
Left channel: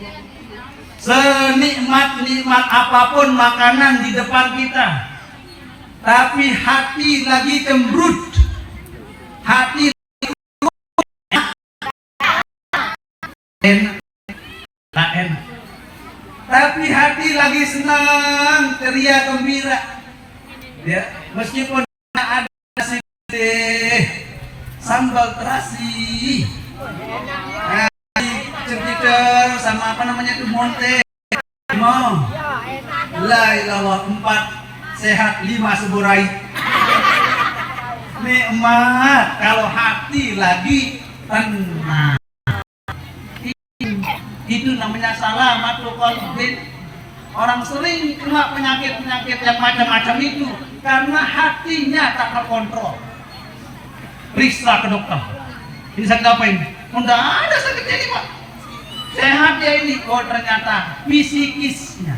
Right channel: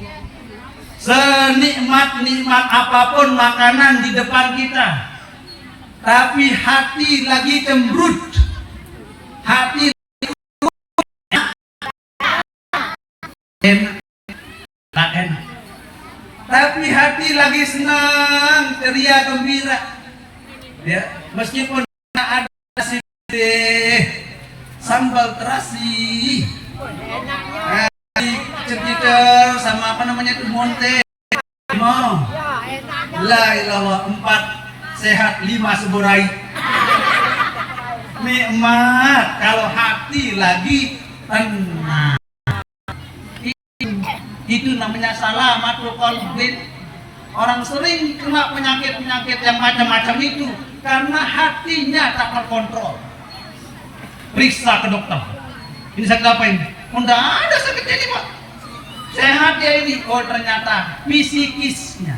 senikmat-nikmat apapun makanan di depan kita, tapi hati lagi cemberut, hati enak, tapi hati lagi senang, ceria, gembira. Ya, meskipun ada si sambal terasi, cekitel sama apa namanya itu monte, no, la ilallah 4 sehat 5 seburai. Nikmat kalau hati lagi tenang. Itu namanya salamatul qalbin. Orang sering kena penyakit-penyakit yang macam-macam itu karena hatinya tak terkontrol. Periksa ke dokter. Ini sakit apa ini? Tidak ada sakit ini, Pak. Sehat ya ini. Oh ternyata psikisnya,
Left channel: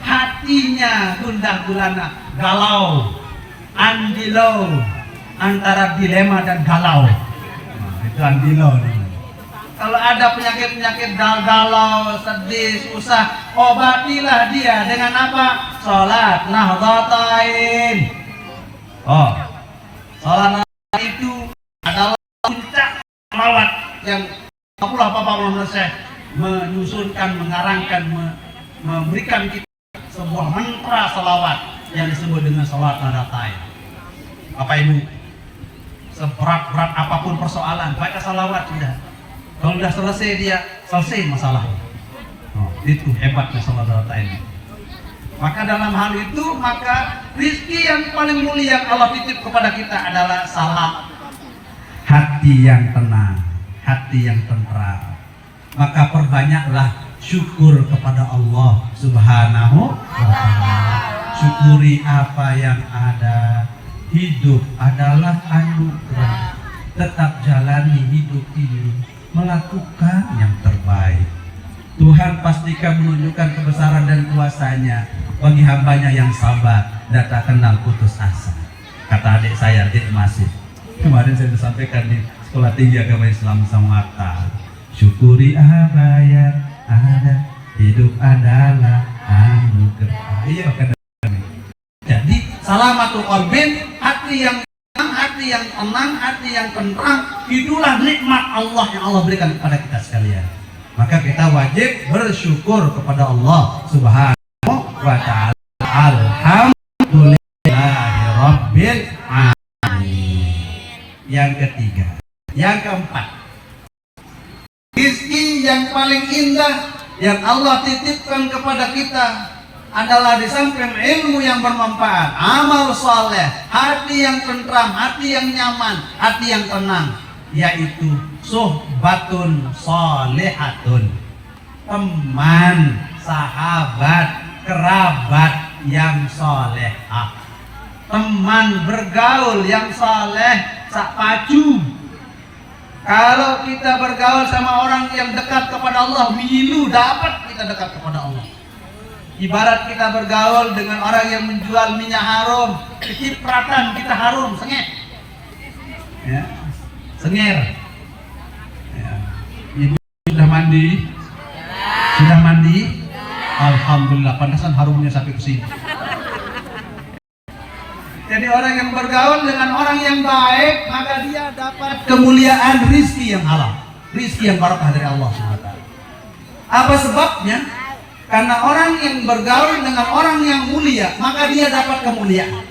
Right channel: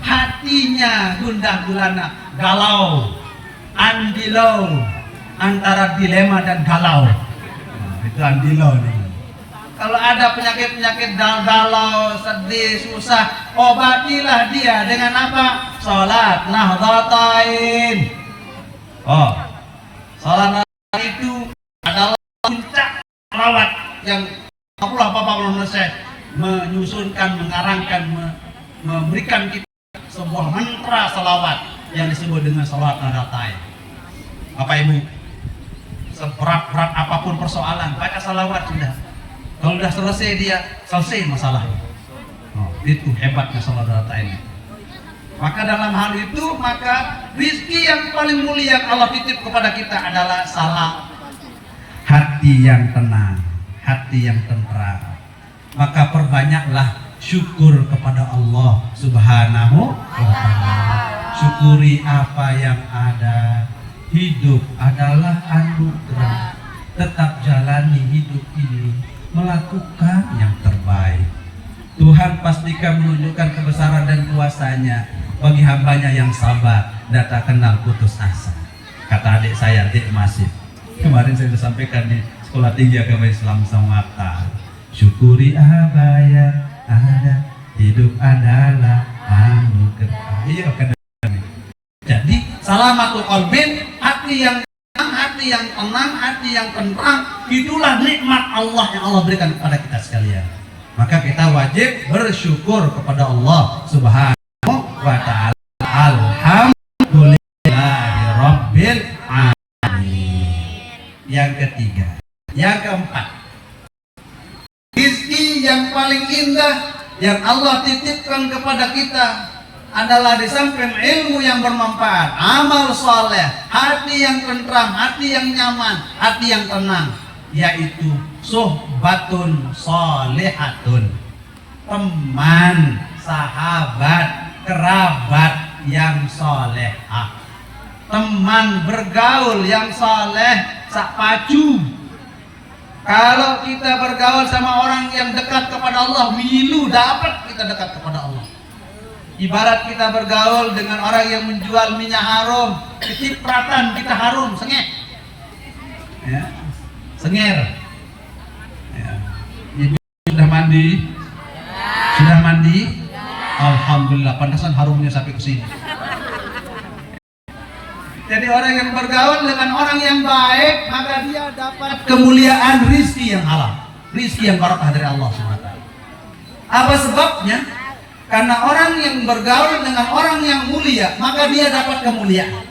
hatinya gundah gulana, galau, andilau, antara dilema dan galau. Itu andilau. Kalau ada penyakit-penyakit galau, sedih, susah, obatilah dia dengan apa? Sholat nahdlatain. Oh, sholat itu adalah puncak salawat yang Allah menyusunkan, mengarangkan, memberikan kita sebuah mantra salawat yang disebut dengan sholat nahdlatain. Bapak Ibu, seberat-berat apapun persoalan, baca salawat sudah. Kalau sudah selesai dia selesai masalah. Itu hebatnya sholat nahdlatain. Maka dalam hal itu, maka rizki yang paling mulia Allah titip kepada kita adalah salat. Hati yang tenang, hati yang tentram. Maka perbanyaklah syukur kepada Allah Subhanahu wa ta'ala. Syukuri apa yang ada. Hidup adalah anugerah. Tetap jalani hidup ini, melakukan yang terbaik. Tuhan pastikan menunjukkan kebesaran dan kuasanya bagi hambanya yang sabar dan tak kenal putus asa. Kata adik saya, adik Masif, kemarin saya disampaikan di Sekolah Tinggi Agama Islam Samarta. Syukuri apa yang ada, hidup adalah anugerah. Iya, jadi salamatul qalbin, hati yang tenang, hati yang tenang, itulah nikmat Allah yang Allah berikan kepada kita sekalian. Maka kita wajib bersyukur kepada Allah Subhanahu wa ta'ala. Alhamdulillahirabbil alamin. Yang ketiga, yang keempat, rezeki yang paling indah yang Allah titipkan kepada kita adalah di samping ilmu yang bermanfaat, amal soleh, hati yang tentram, hati yang nyaman, hati yang tenang, yaitu suhbatun solehatun, teman, sahabat, kerabat yang solehah, teman bergaul yang soleh, sak pacu. Kalau kita bergaul sama orang yang dekat kepada Allah, milu dapat kita dekat kepada Allah. Ibarat kita bergaul dengan orang yang menjual minyak harum, kecipratan kita harum, sengit, ya, sengir. Ya. Ibu sudah mandi? Ya. Sudah mandi? Ya. Alhamdulillah, pantesan harumnya sampai ke sini. Jadi orang yang bergaul dengan orang yang baik, maka dia dapat kemuliaan rizki yang halal, rizki yang barakah dari Allah SWT. Apa sebabnya? Karena orang yang bergaul dengan orang yang mulia, maka dia dapat kemuliaan.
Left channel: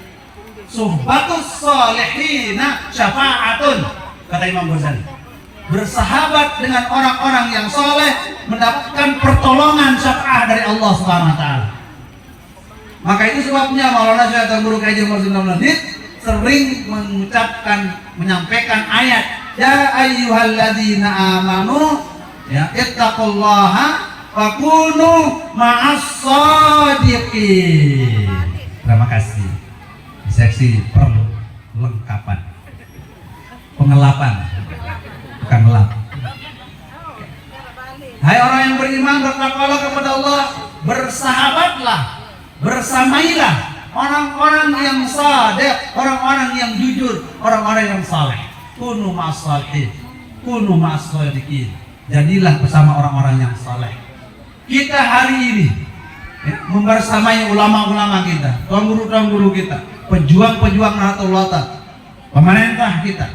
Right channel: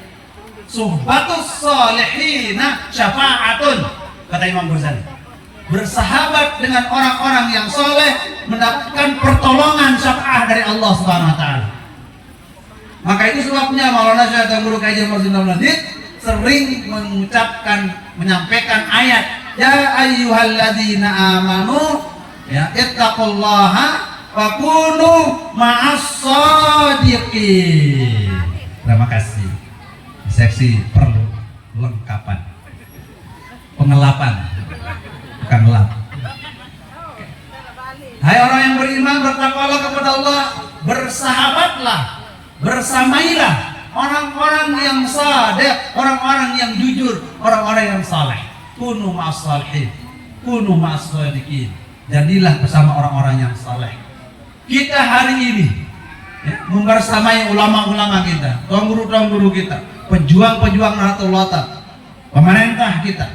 Suhbatus solihina syafa'atun, kata Imam Ghazali. Bersahabat dengan orang-orang yang soleh mendapatkan pertolongan syafaat dari Allah Subhanahu wa ta'ala. Maka itu sebabnya Maulana Syekh atau Guru Kaji Rasulullah Nadid sering menyampaikan ayat, ya ayyuhalladzina amanu, ya ittaqullaha wa kunu ma'as-shadiqin. Terima kasih. Seksi perlengkapan, pengelapan, bukan ngelap. Hai orang yang beriman, bertakwalah kepada Allah, bersahabatlah, bersamailah orang-orang yang shadiq, orang-orang yang jujur, orang-orang yang saleh. Kunu ma'as-shalihin, kunu ma'as-shadiqin. Jadilah bersama orang-orang yang saleh. Kita hari ini membersamai ulama-ulama kita, tuan guru kita, pejuang-pejuang Nahdlatul Ulama, pemerintah kita.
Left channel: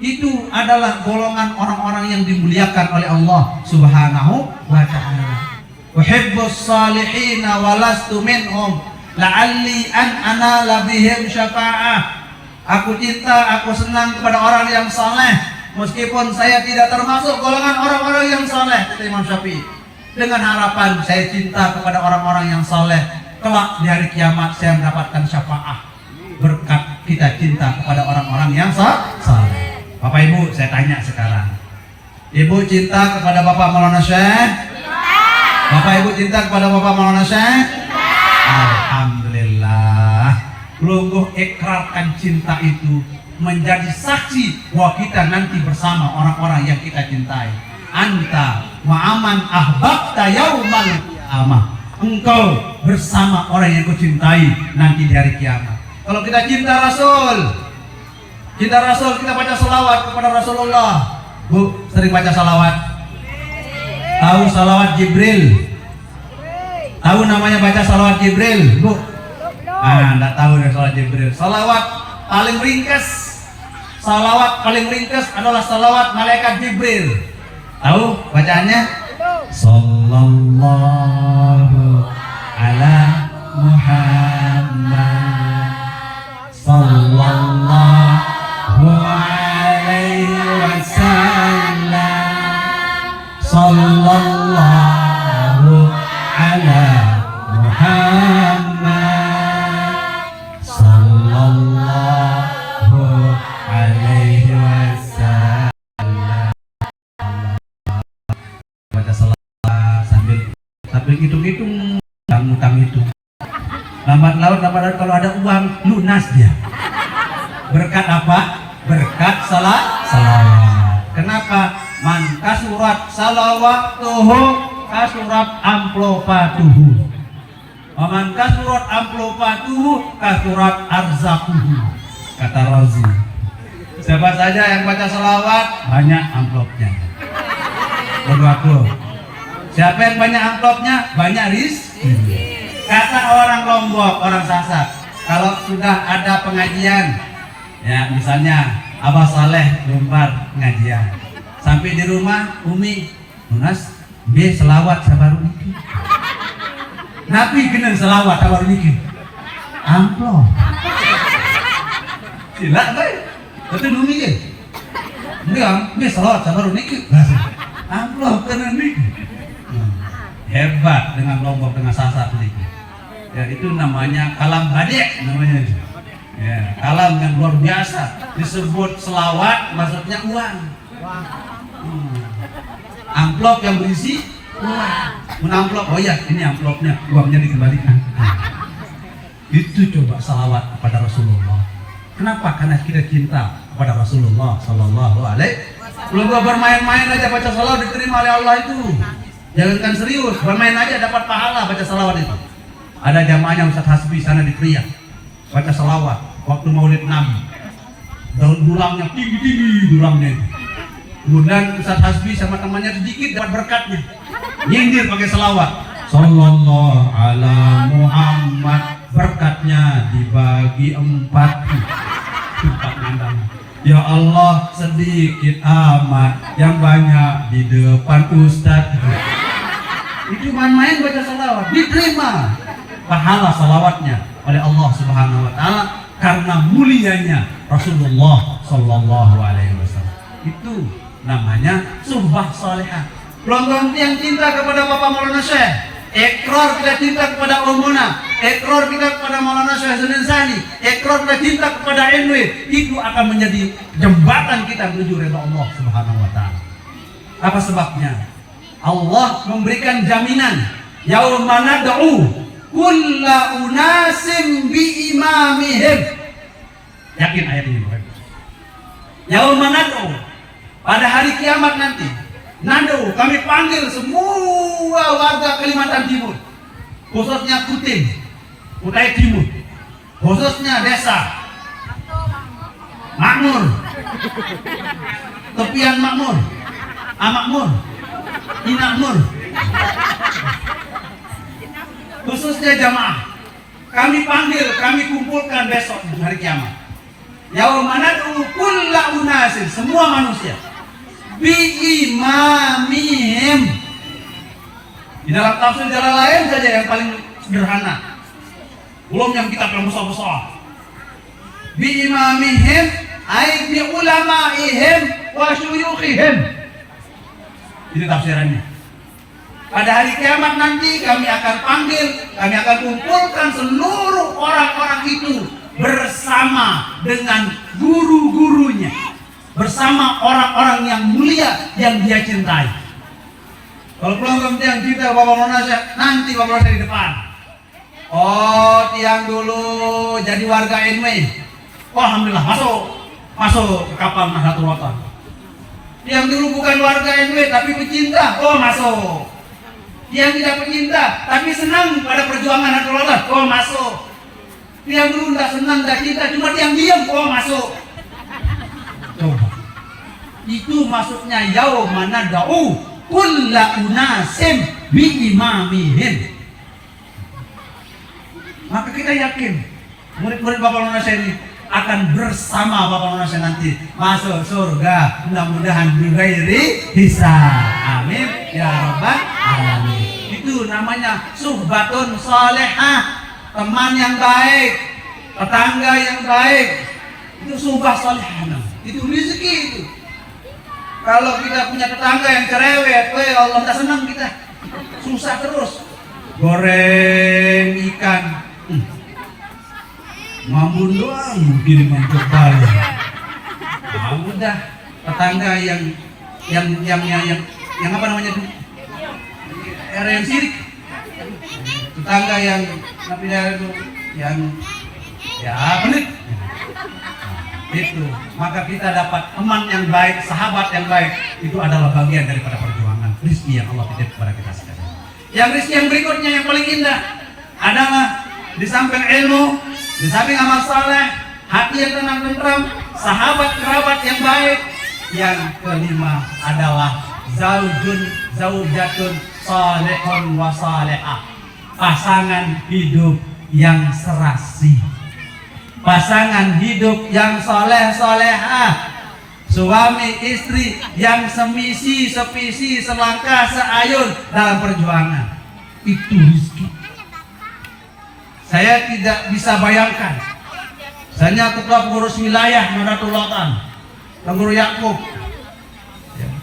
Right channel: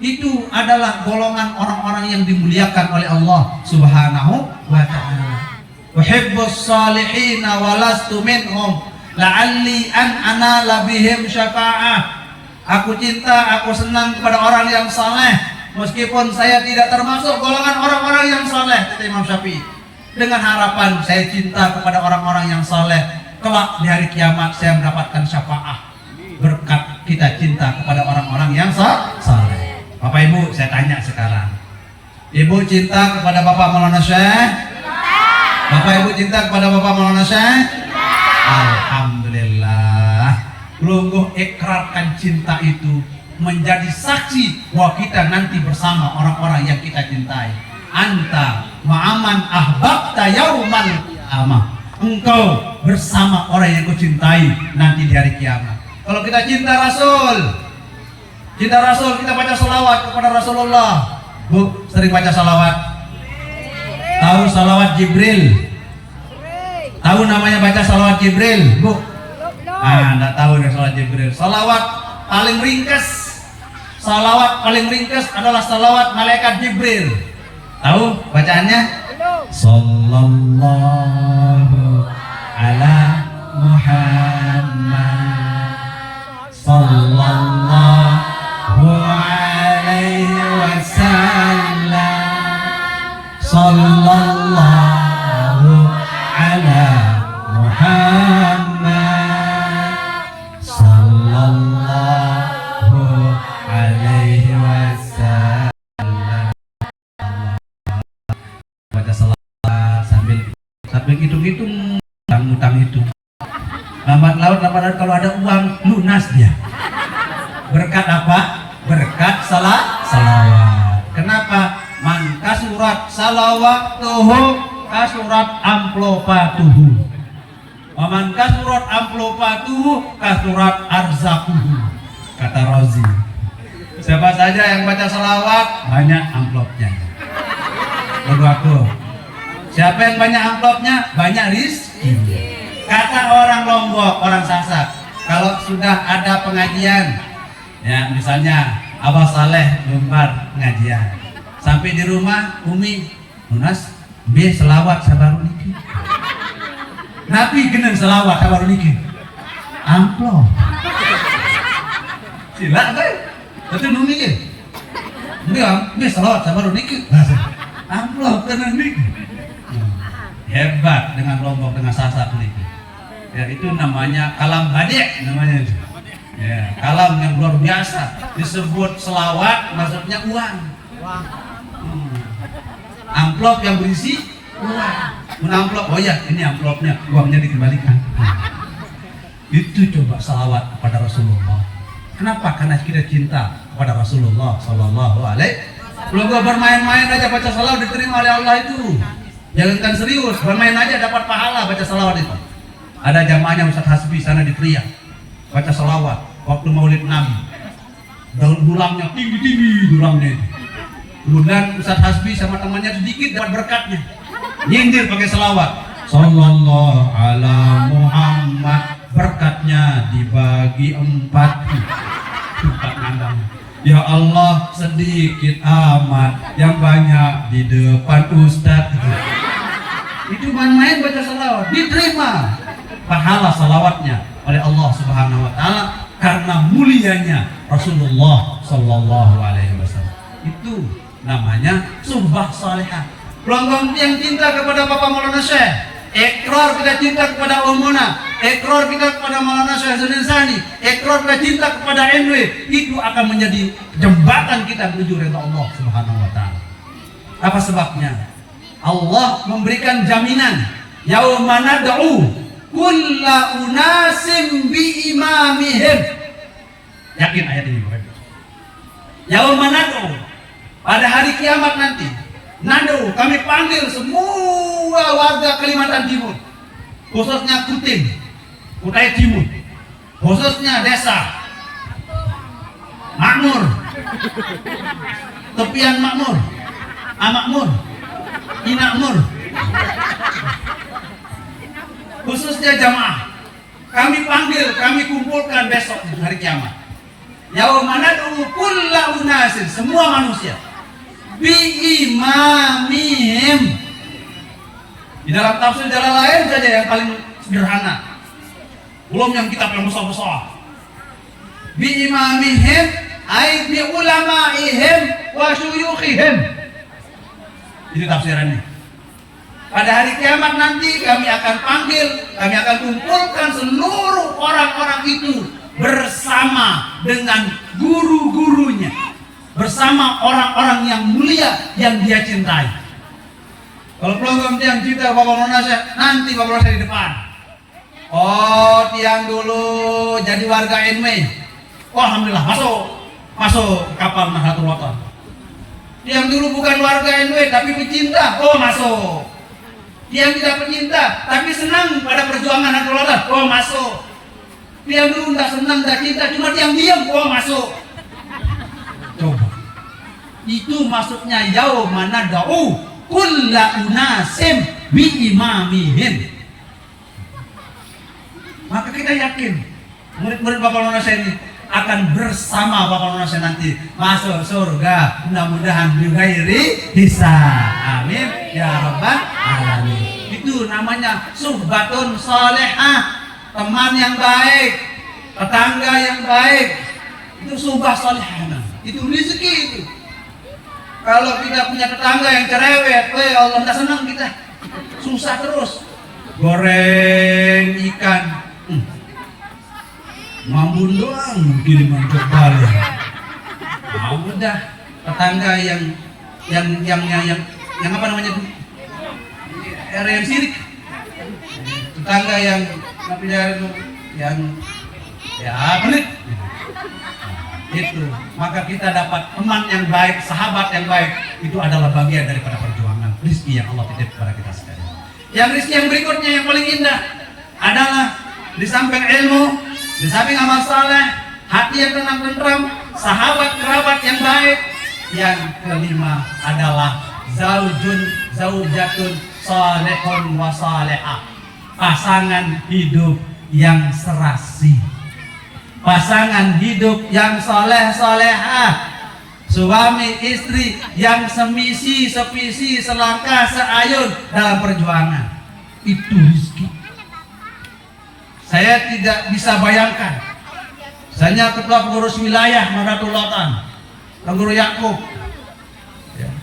Itu adalah golongan orang-orang yang dimuliakan oleh Allah Subhanahu wa ta'ala. Uhibbus salihina walastu minhum la'alli an anala bihim syafa'ah. Aku cinta, aku senang kepada orang yang saleh, meskipun saya tidak termasuk golongan orang-orang yang saleh, kata Imam Syafi'i. Dengan harapan saya cinta kepada orang-orang yang saleh, kelak di hari kiamat saya mendapatkan syafaat berkat kita cinta kepada orang-orang yang saleh. Bapak Ibu, saya tanya sekarang, Ibu cinta kepada Bapak Maulana Syekh? Bapak Ibu cinta kepada Bapak Maulana Syekh? Alhamdulillah. Lungguh ikrarkan cinta itu menjadi saksi bahwa kita nanti bersama orang-orang yang kita cintai. Anta ma'aman ahbabta yaumal qiyamah. Engkau bersama orang yang kau cintai nanti di hari kiamat. Kalau kita cinta Rasul, kita baca salawat kepada Rasulullah. Bu, sering baca salawat? Tahu salawat Jibril? Tahu namanya baca salawat Jibril, Bu? Enggak tahu ya salawat Jibril. Salawat paling ringkas adalah salawat malaikat Jibril. Tahu bacaannya? Sallallahu ala Muhammad, sallallahu alaihi wasallam, sallallahu ala Muhammad, sallallahu alaihi wasallam. Baca salat sambil dapat kalau ada uang lunas dia. Berkat apa? Berkat salawat. Kenapa? Man kasurat salawatuhu kasurat amplopatuhu. Man kasurat amplopatuhu kasurat arzakuhu. Kata Razi. Siapa saja yang baca salawat banyak amplopnya. Berdoa. Siapa yang banyak amplopnya banyak rezeki. Kata orang Lombok, orang Sasak, kalau sudah ada pengajian, ya misalnya Abah Saleh lembar pengajian, sampai di rumah Umi Munas be selawat sabar niki. Nabi kena selawat sabar niki. Amplop. Sila baik. Betul Umi ke? Enggak, be selawat sabar niki. Amplop kena niki. Hebat dengan Lombok dengan Sasak niki. Ya itu namanya kalam badek namanya. Ya, kalam yang luar biasa disebut selawat maksudnya uang. Amplop yang berisi uang. Amplop, oh ya ini amplopnya, uangnya dikembalikan. Itu coba selawat kepada Rasulullah. Kenapa? Karena kita cinta kepada Rasulullah Sallallahu Alaihi. Kalau gua bermain-main aja baca selawat diterima oleh Allah itu. Jangankan serius, bermain aja dapat pahala baca selawat itu. Ada jamaahnya Ustaz Hasbi sana di Pria baca selawat waktu Maulid Nabi. Daun dulangnya tinggi-tinggi dulangnya. Kemudian Ustaz Hasbi sama temannya sedikit dapat berkatnya. Nyindir pakai selawat. Sallallahu ala Muhammad, berkatnya dibagi 4. Ya Allah sedikit amat yang banyak di depan Ustaz. Itu main baca selawat diterima pahala salawatnya oleh Allah Subhanahu wa taala karena mulianya Rasulullah Sallallahu Alaihi Wasallam. Itu namanya suhbah salihah. Pelanggan yang cinta kepada Bapak Maulana Syekh, ikrar kita cinta kepada Umuna, ikrar kita kepada Maulana Syekh Hasanuddin Sani, ikrar kita cinta kepada NW, itu akan menjadi jembatan kita menuju ridha Allah Subhanahu wa taala. Apa sebabnya? Allah memberikan jaminan yauma nad'u kulla unasim bi imamihim. Yakin ayat ini? Yauma nad'u, pada hari kiamat nanti, nad'u, kami panggil semua warga Kalimantan Timur, khususnya Kutai Timur, khususnya desa Makmur, tepian Makmur, Amakmur, Inakmur, khususnya jamaah, kami panggil, kami kumpulkan besok hari kiamat. Yauma nad'u kulla unasin, semua manusia, bi imamihim. Di dalam tafsir jalan lain saja yang paling sederhana, belum yang kita paling besar-besar. Bi imamihim ay bi ulamaihim wa syuyukhihim. Ini tafsirannya. Pada hari kiamat nanti kami akan panggil, kami akan kumpulkan seluruh orang-orang itu bersama dengan guru-gurunya, bersama orang-orang yang mulia yang dia cintai. Kalau program yang cinta Bapak Maulana Syekh, nanti Bapak Maulana di depan. Oh, tiang dulu jadi warga NW. Oh, alhamdulillah masuk ke kapal Nahdlatul Wathon. Yang dulu bukan warga NW tapi pecinta, oh masuk. Yang tidak pecinta tapi senang pada perjuangan Nahdlatul Wathon, oh masuk. Yang dulu tidak senang, tidak cinta, cuma diam-diam, oh masuk. Coba. Itu maksudnya yauma nad'u kulla unasim bi imamihim. Maka kita yakin murid-murid Bapak Maulana Syekh ini akan bersama Bapak Maulana Syekh nanti masuk surga, mudah-mudahan bighairi hisab. Amin ya rabbal alamin. Itu namanya suhbatun salihah, teman yang baik, tetangga yang baik. Itu suhbah salihah. Itu rezeki itu. Kalau kita punya tetangga yang cerewet, Allah tak senang kita, susah terus. Goreng ikan, ngambun doang, dengan kepala. Nah, udah tetangga yang apa namanya itu? Yang sirik. Tetangga yang yang ya pelit. Itu maka kita dapat teman yang baik, sahabat yang baik, itu adalah bagian daripada perjuangan rizki yang Allah titip kepada kita sekalian. Yang rizki yang berikutnya yang paling indah adalah di samping ilmu, di samping amal saleh, hati yang tenang, sahabat kerabat yang baik. Yang kelima adalah zaujatun salehun wa salehah, pasangan hidup yang serasi, pasangan hidup yang soleh solehah, suami istri yang semisi sevisi selangkah seayun dalam perjuangan. Itu rezeki. Saya tidak bisa bayangkan. Saya ketua pengurus wilayah Nahdlatul Ulama, Guru Yakub.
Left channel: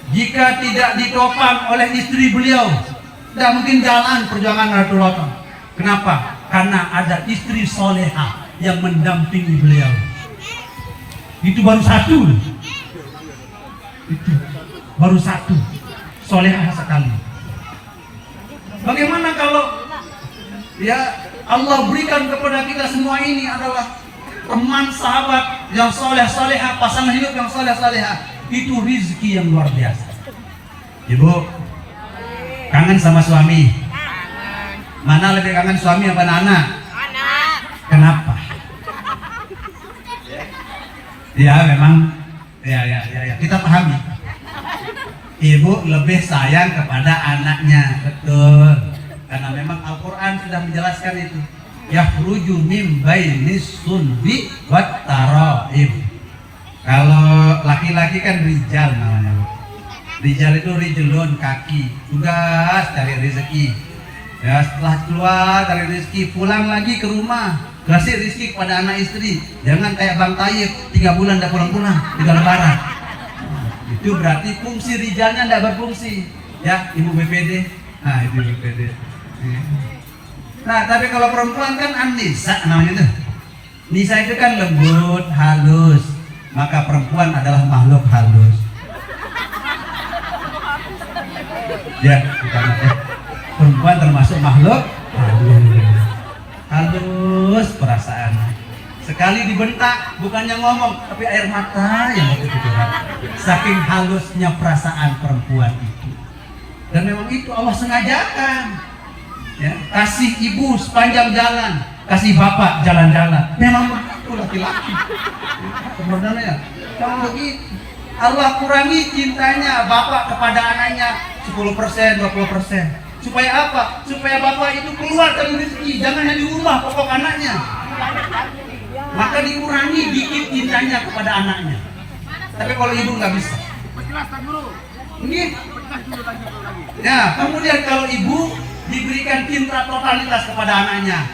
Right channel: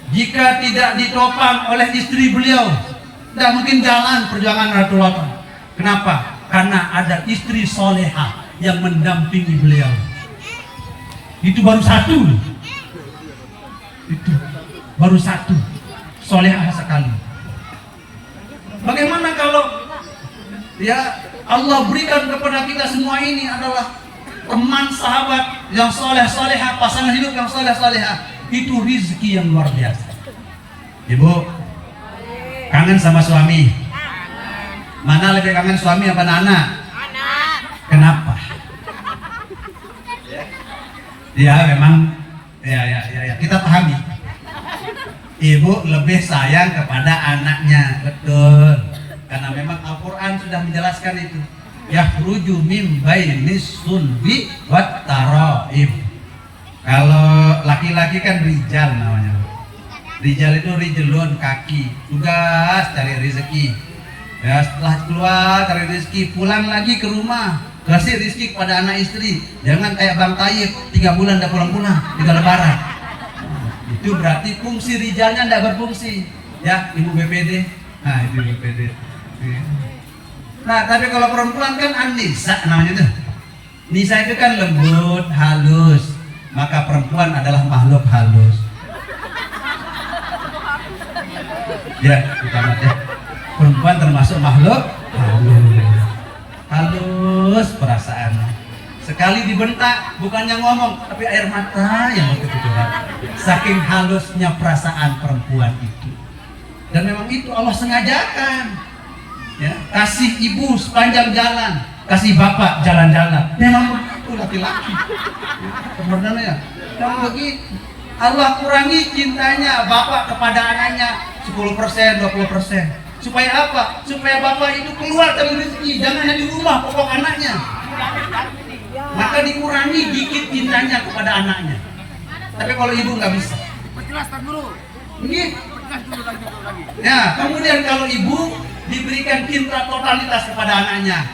Jika tidak ditopang oleh istri beliau, tidak mungkin jalan perjuangan Nahdlatul Ulama. Kenapa? Karena ada istri soleha yang mendampingi beliau. Itu baru satu. Itu baru satu. Soleha sekali. Bagaimana kalau ya Allah berikan kepada kita semua ini adalah teman sahabat yang soleh soleha, pasangan hidup yang soleh soleha. Itu rezeki yang luar biasa. Ibu kangen sama suami? Mana lebih kangen suami apa anak? Kenapa? Ya memang ya kita pahami. Ibu lebih sayang kepada anaknya, betul. Karena memang Al-Quran sudah menjelaskan itu. Yakhruju min bainis sulbi wat taraib. Kalau laki-laki kan rijal namanya. Rijal itu rijlun, kaki, tugas cari rezeki. Ya, setelah keluar dari rezeki, pulang lagi ke rumah, kasih rezeki kepada anak istri. Jangan kayak Bang Tayyip 3 bulan tidak pulang-pulang, 3 lebaran. Itu berarti fungsi rijalnya tidak berfungsi. Ya, ibu BPD. Nah, itu BPD. Nah, tapi kalau perempuan kan Anissa namanya itu. Nisa itu kan lembut, halus. Maka perempuan adalah makhluk halus. Ya, kita lihat ya. Perempuan termasuk makhluk halus perasaannya. Sekali dibentak bukannya ngomong, tapi air mata yang ditutup. Saking halusnya perasaan perempuan itu. Dan memang itu Allah sengajakan. Ya, kasih ibu sepanjang jalan, kasih bapak jalan-jalan. Memang itu laki-laki. Sebenarnya jangan begitu. Allah kurangi cintanya bapak kepada anaknya 10%, 20%. Supaya apa? Supaya bapak itu keluar dari rezeki, jangan hanya di rumah pokok anaknya. Maka dikurangi dikit cintanya kepada anaknya. Tapi kalau ibu nggak bisa. Ini. Nah, kemudian kalau ibu diberikan cinta totalitas kepada anaknya.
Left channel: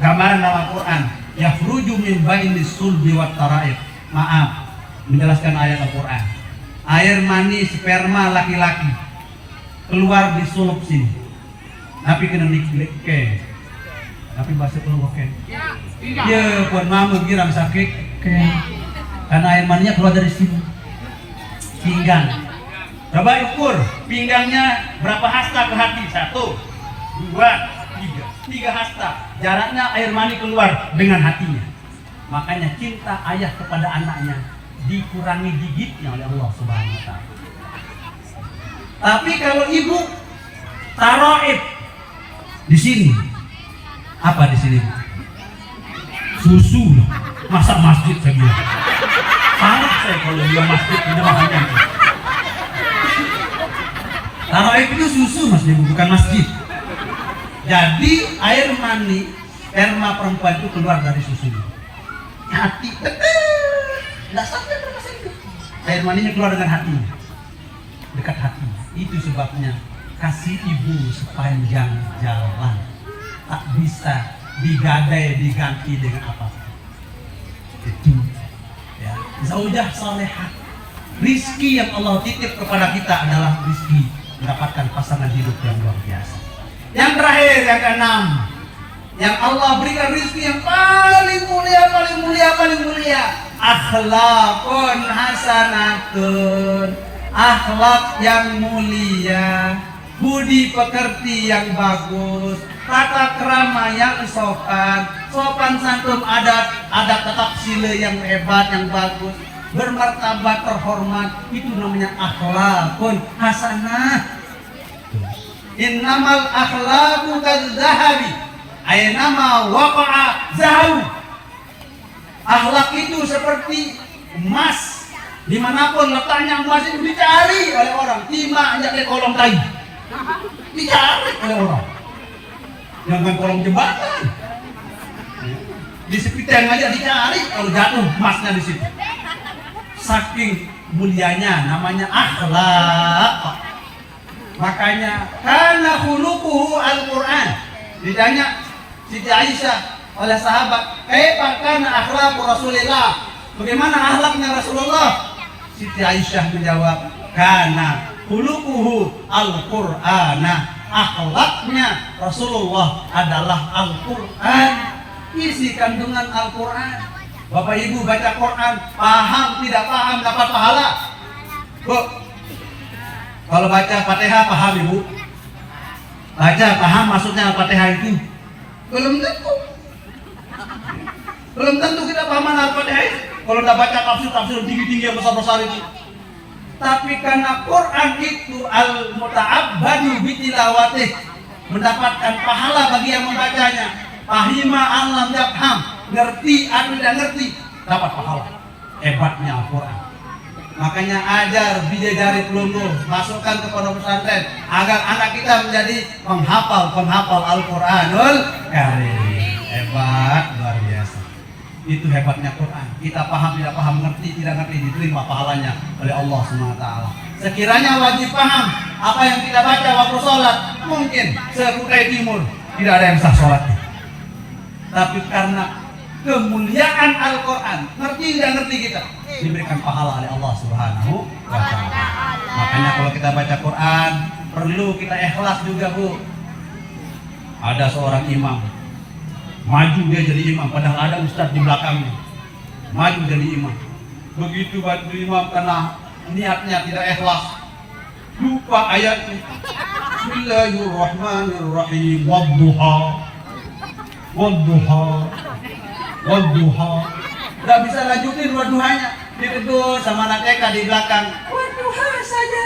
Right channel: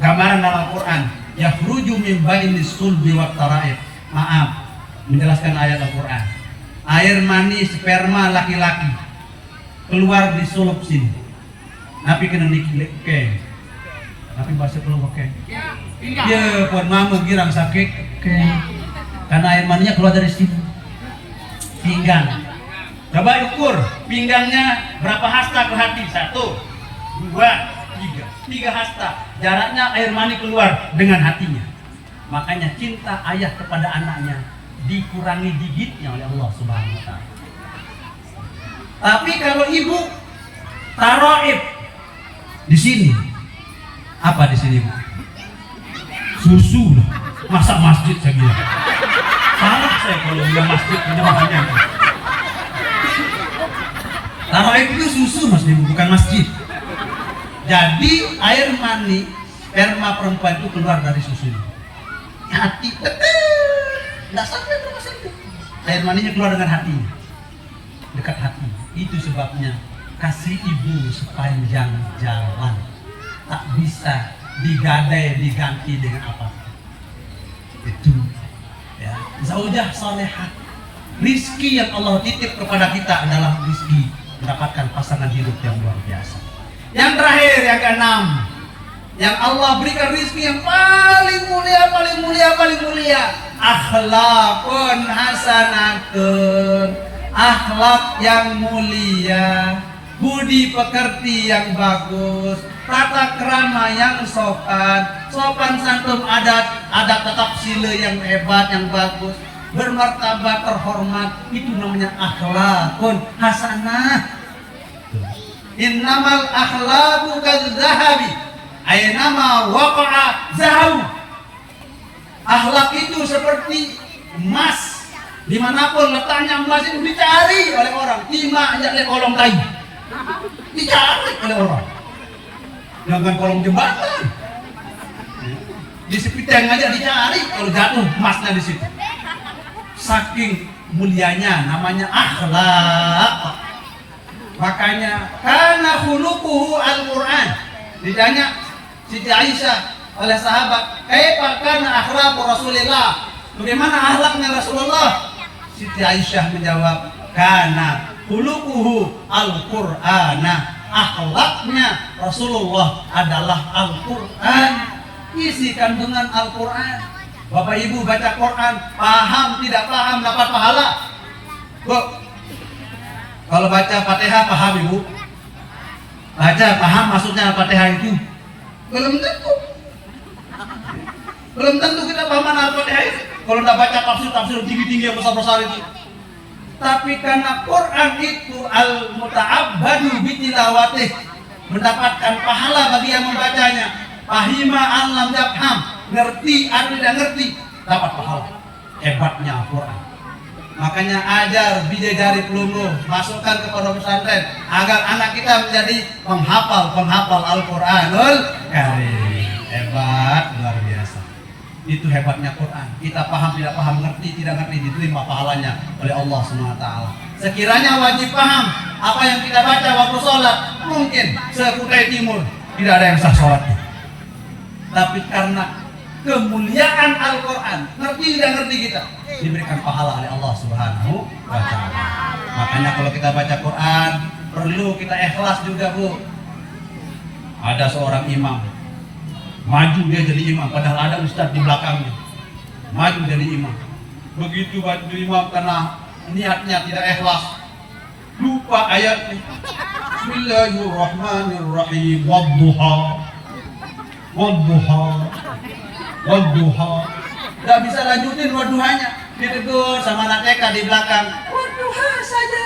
Gambaran dalam Al-Quran, yakhruju min bainis sulbi wat taraib. Maaf, menjelaskan ayat Al-Quran. Air mani sperma laki-laki keluar di sulub sini. Tapi kena nikah. Tapi bahasa keluar oke. Ya, pun mama girang sakit. Karena air maninya keluar dari sini. Pinggang. Coba ukur pinggangnya berapa hasta ke hati? 1, 2, 3. 3 hasta. Jaraknya air mani keluar dengan hatinya. Makanya cinta ayah kepada anaknya dikurangi digitnya oleh Allah Subhanahu wa taala. Tapi kalau ibu taraib di sini, apa di sini? Susu, masak masjid saya bilang. Salah saya kalau bilang masjid benar-benar. Taraib itu susu mas, bukan masjid. Jadi air mani sperma perempuan itu keluar dari susu. Hati tidak sampai berapa senti. Air maninya keluar dengan hatinya, dekat hati. Itu sebabnya kasih ibu sepanjang jalan tak bisa digadai diganti dengan apapun. Itu ya, zaujah salehah. Rizki yang Allah titip kepada kita adalah rizki mendapatkan pasangan hidup yang luar biasa. Yang terakhir, yang keenam, yang Allah berikan rizki yang paling mulia, akhlakun hasanatun, akhlak yang mulia, budi pekerti yang bagus, tata krama yang sopan, sopan santun adat, tetap sila yang hebat, yang bagus, bermartabat, terhormat, itu namanya akhlakun hasanah. Innamal akhlaqu kadzahabi, aynama waqa'a zahabu. Akhlak itu seperti emas, dimanapun letaknya emas itu dicari oleh orang, timah aja di kolong kayu, dicari oleh orang. Jangan kolong jembatan, di sepiteng aja dicari kalau jatuh emasnya di situ. Saking mulianya, namanya akhlak. Makanya kana khuluquhu Al-Quran. Ditanya Siti Aisyah oleh sahabat, kaifa kana akhlaqu Rasulillah? Bagaimana akhlaknya Rasulullah? Siti Aisyah menjawab, kana khuluquhu Al-Qur'ana. Akhlaknya Rasulullah adalah Al-Quran. Isi kandungan Al-Quran. Bapak Ibu baca Quran, paham tidak paham dapat pahala. Bu, kalau baca Fatihah paham Ibu? Baca paham maksudnya Al-Fatihah itu? Belum tentu. Belum tentu kita paham Al-Fatihah itu. Kalau tidak baca tafsir tinggi-tinggi besar-besar itu. Tapi karena Quran itu al-muta'abbadu bitilawatih, mendapatkan pahala bagi yang membacanya. Fahima an lam yafham, ngerti atau tidak ngerti, dapat pahala. Hebatnya Al-Quran. Makanya ajar bidadari pelunggu, masukkan ke pondok pesantren agar anak kita menjadi penghafal Al-Quranul Karim. Hebat, luar biasa. Itu hebatnya Quran. Kita paham tidak paham, ngerti tidak ngerti, diterima pahalanya oleh Allah SWT. Sekiranya wajib paham apa yang kita baca waktu sholat, mungkin sekutai timur tidak ada yang sah sholatnya. Tapi karena kemuliaan Al-Quran, ngerti tidak ngerti kita, diberikan pahala oleh Allah Subhanahu wa Ta'ala. Makanya kalau kita baca Quran, perlu kita ikhlas juga, Bu. Ada seorang imam, maju dia jadi imam, padahal ada ustaz di belakangnya. Maju jadi imam. Begitu baju imam karena niatnya tidak ikhlas, lupa ayatnya. Bismillahirrahmanirrahim. Wadduha. Gak bisa lanjutin wadduhanya, ditegur sama anak TK di belakang. Wadduha saja.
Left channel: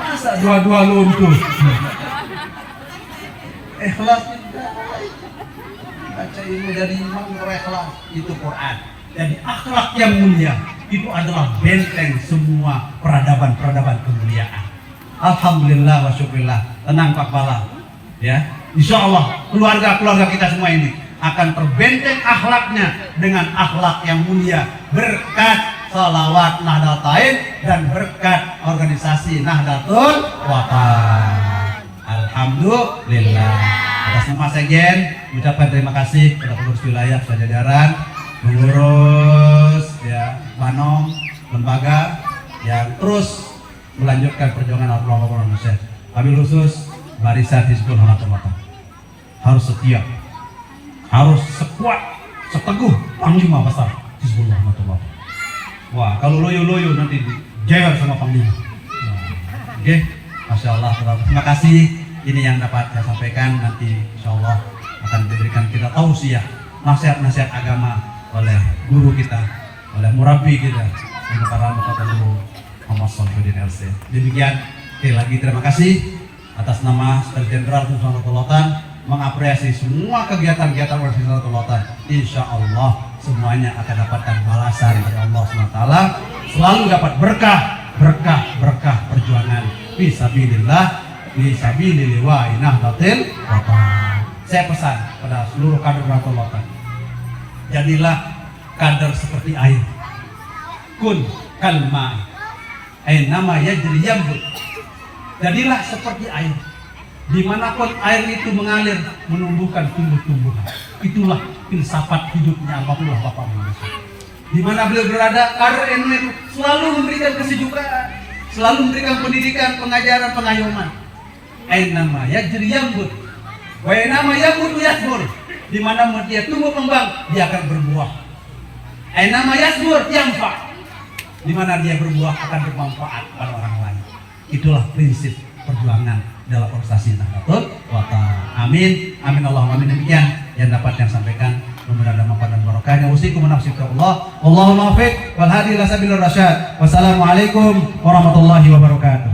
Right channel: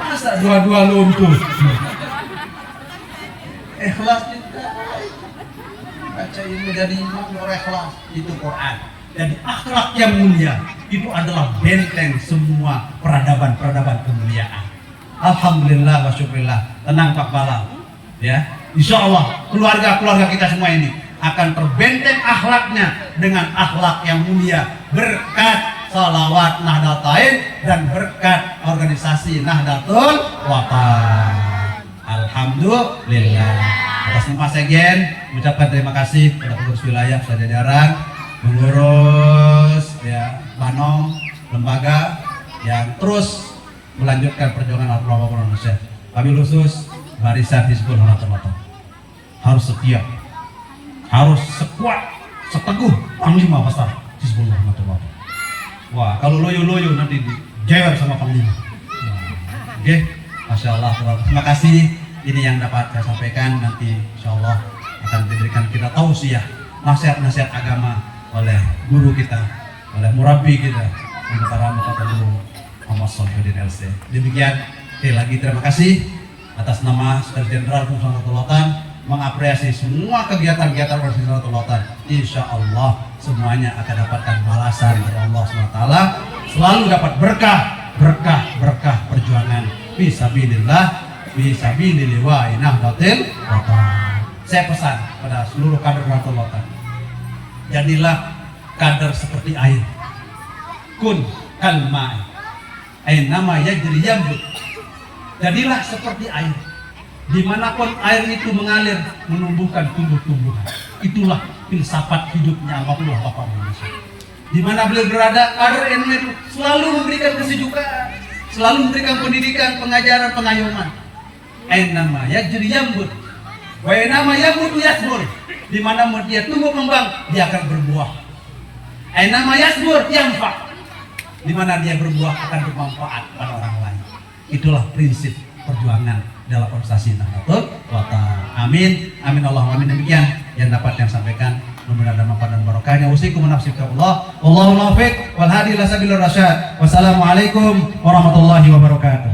Masa dua-dua luntur. Ikhlas tidak. Baca ini dari imam berikhlas, itu Quran. Jadi akhlak yang mulia itu adalah benteng semua peradaban kemuliaan. Alhamdulillah wa syukurillah. Tenang Pak Bala, ya. Insya Allah keluarga kita semua ini akan terbenteng akhlaknya dengan akhlak yang mulia berkat salawat Nahdlatain dan berkat organisasi Nahdlatul Watan. Alhamdulillah. Atas nama Sekjen ucapkan terima kasih kepada pengurus wilayah sejajaran, pengurus ya Banom, lembaga yang terus melanjutkan perjuangan ulama Indonesia. Kami khusus barisan Hizbul Watan harus setia, harus sekuat, seteguh panglima besar Hizbul Watan. Wah, kalau loyo nanti dijewer sama panglima. Oke, Masya Allah. Terima kasih. Ini yang dapat saya sampaikan. Nanti Insya Allah akan diberikan kita tausiah, nasihat-nasihat agama oleh guru kita, oleh murabi kita, oleh para guru Muhammad Shalhuddin LC. Demikian, sekali lagi terima kasih atas nama Sekretaris Jenderal Nahdlatul Watan mengapresiasi semua kegiatan-kegiatan organisasi Nahdlatul Watan. Insya Allah semuanya akan dapatkan balasan dari Allah SWT. Selalu dapat berkah perjuangan fisabilillah wa Nahdlatul Watan. Saya pesan kepada seluruh kader Nahdlatul Watan, jadilah kader seperti air. Kun kalma, nama yajri yambut. Jadilah seperti air. Dimanapun air itu mengalir, menumbuhkan tumbuh-tumbuhan. Itulah filsafat hidupnya Almarhum Bapak Indonesia. Di mana beliau berada, kader NU itu selalu memberikan kesejukan, selalu memberikan pendidikan, pengajaran, pengayoman. Nama yajri yambut, wa nama yambut yasbur. Di mana dia tumbuh kembang, dia akan berbuah. Nama yasbur yanfa. Di mana dia berbuah akan bermanfaat pada orang lain. Itulah prinsip perjuangan dalam organisasi Nahdlatul Watan. Amin, amin Allahumma amin. Demikian yang dapat yang sampaikan. Mudah-mudahan ada manfaat dan barokahnya. Usikum nafsikallah. Wallahu muwaffiq wal hadi ila sabilir rasyad. Wassalamualaikum warahmatullahi wabarakatuh.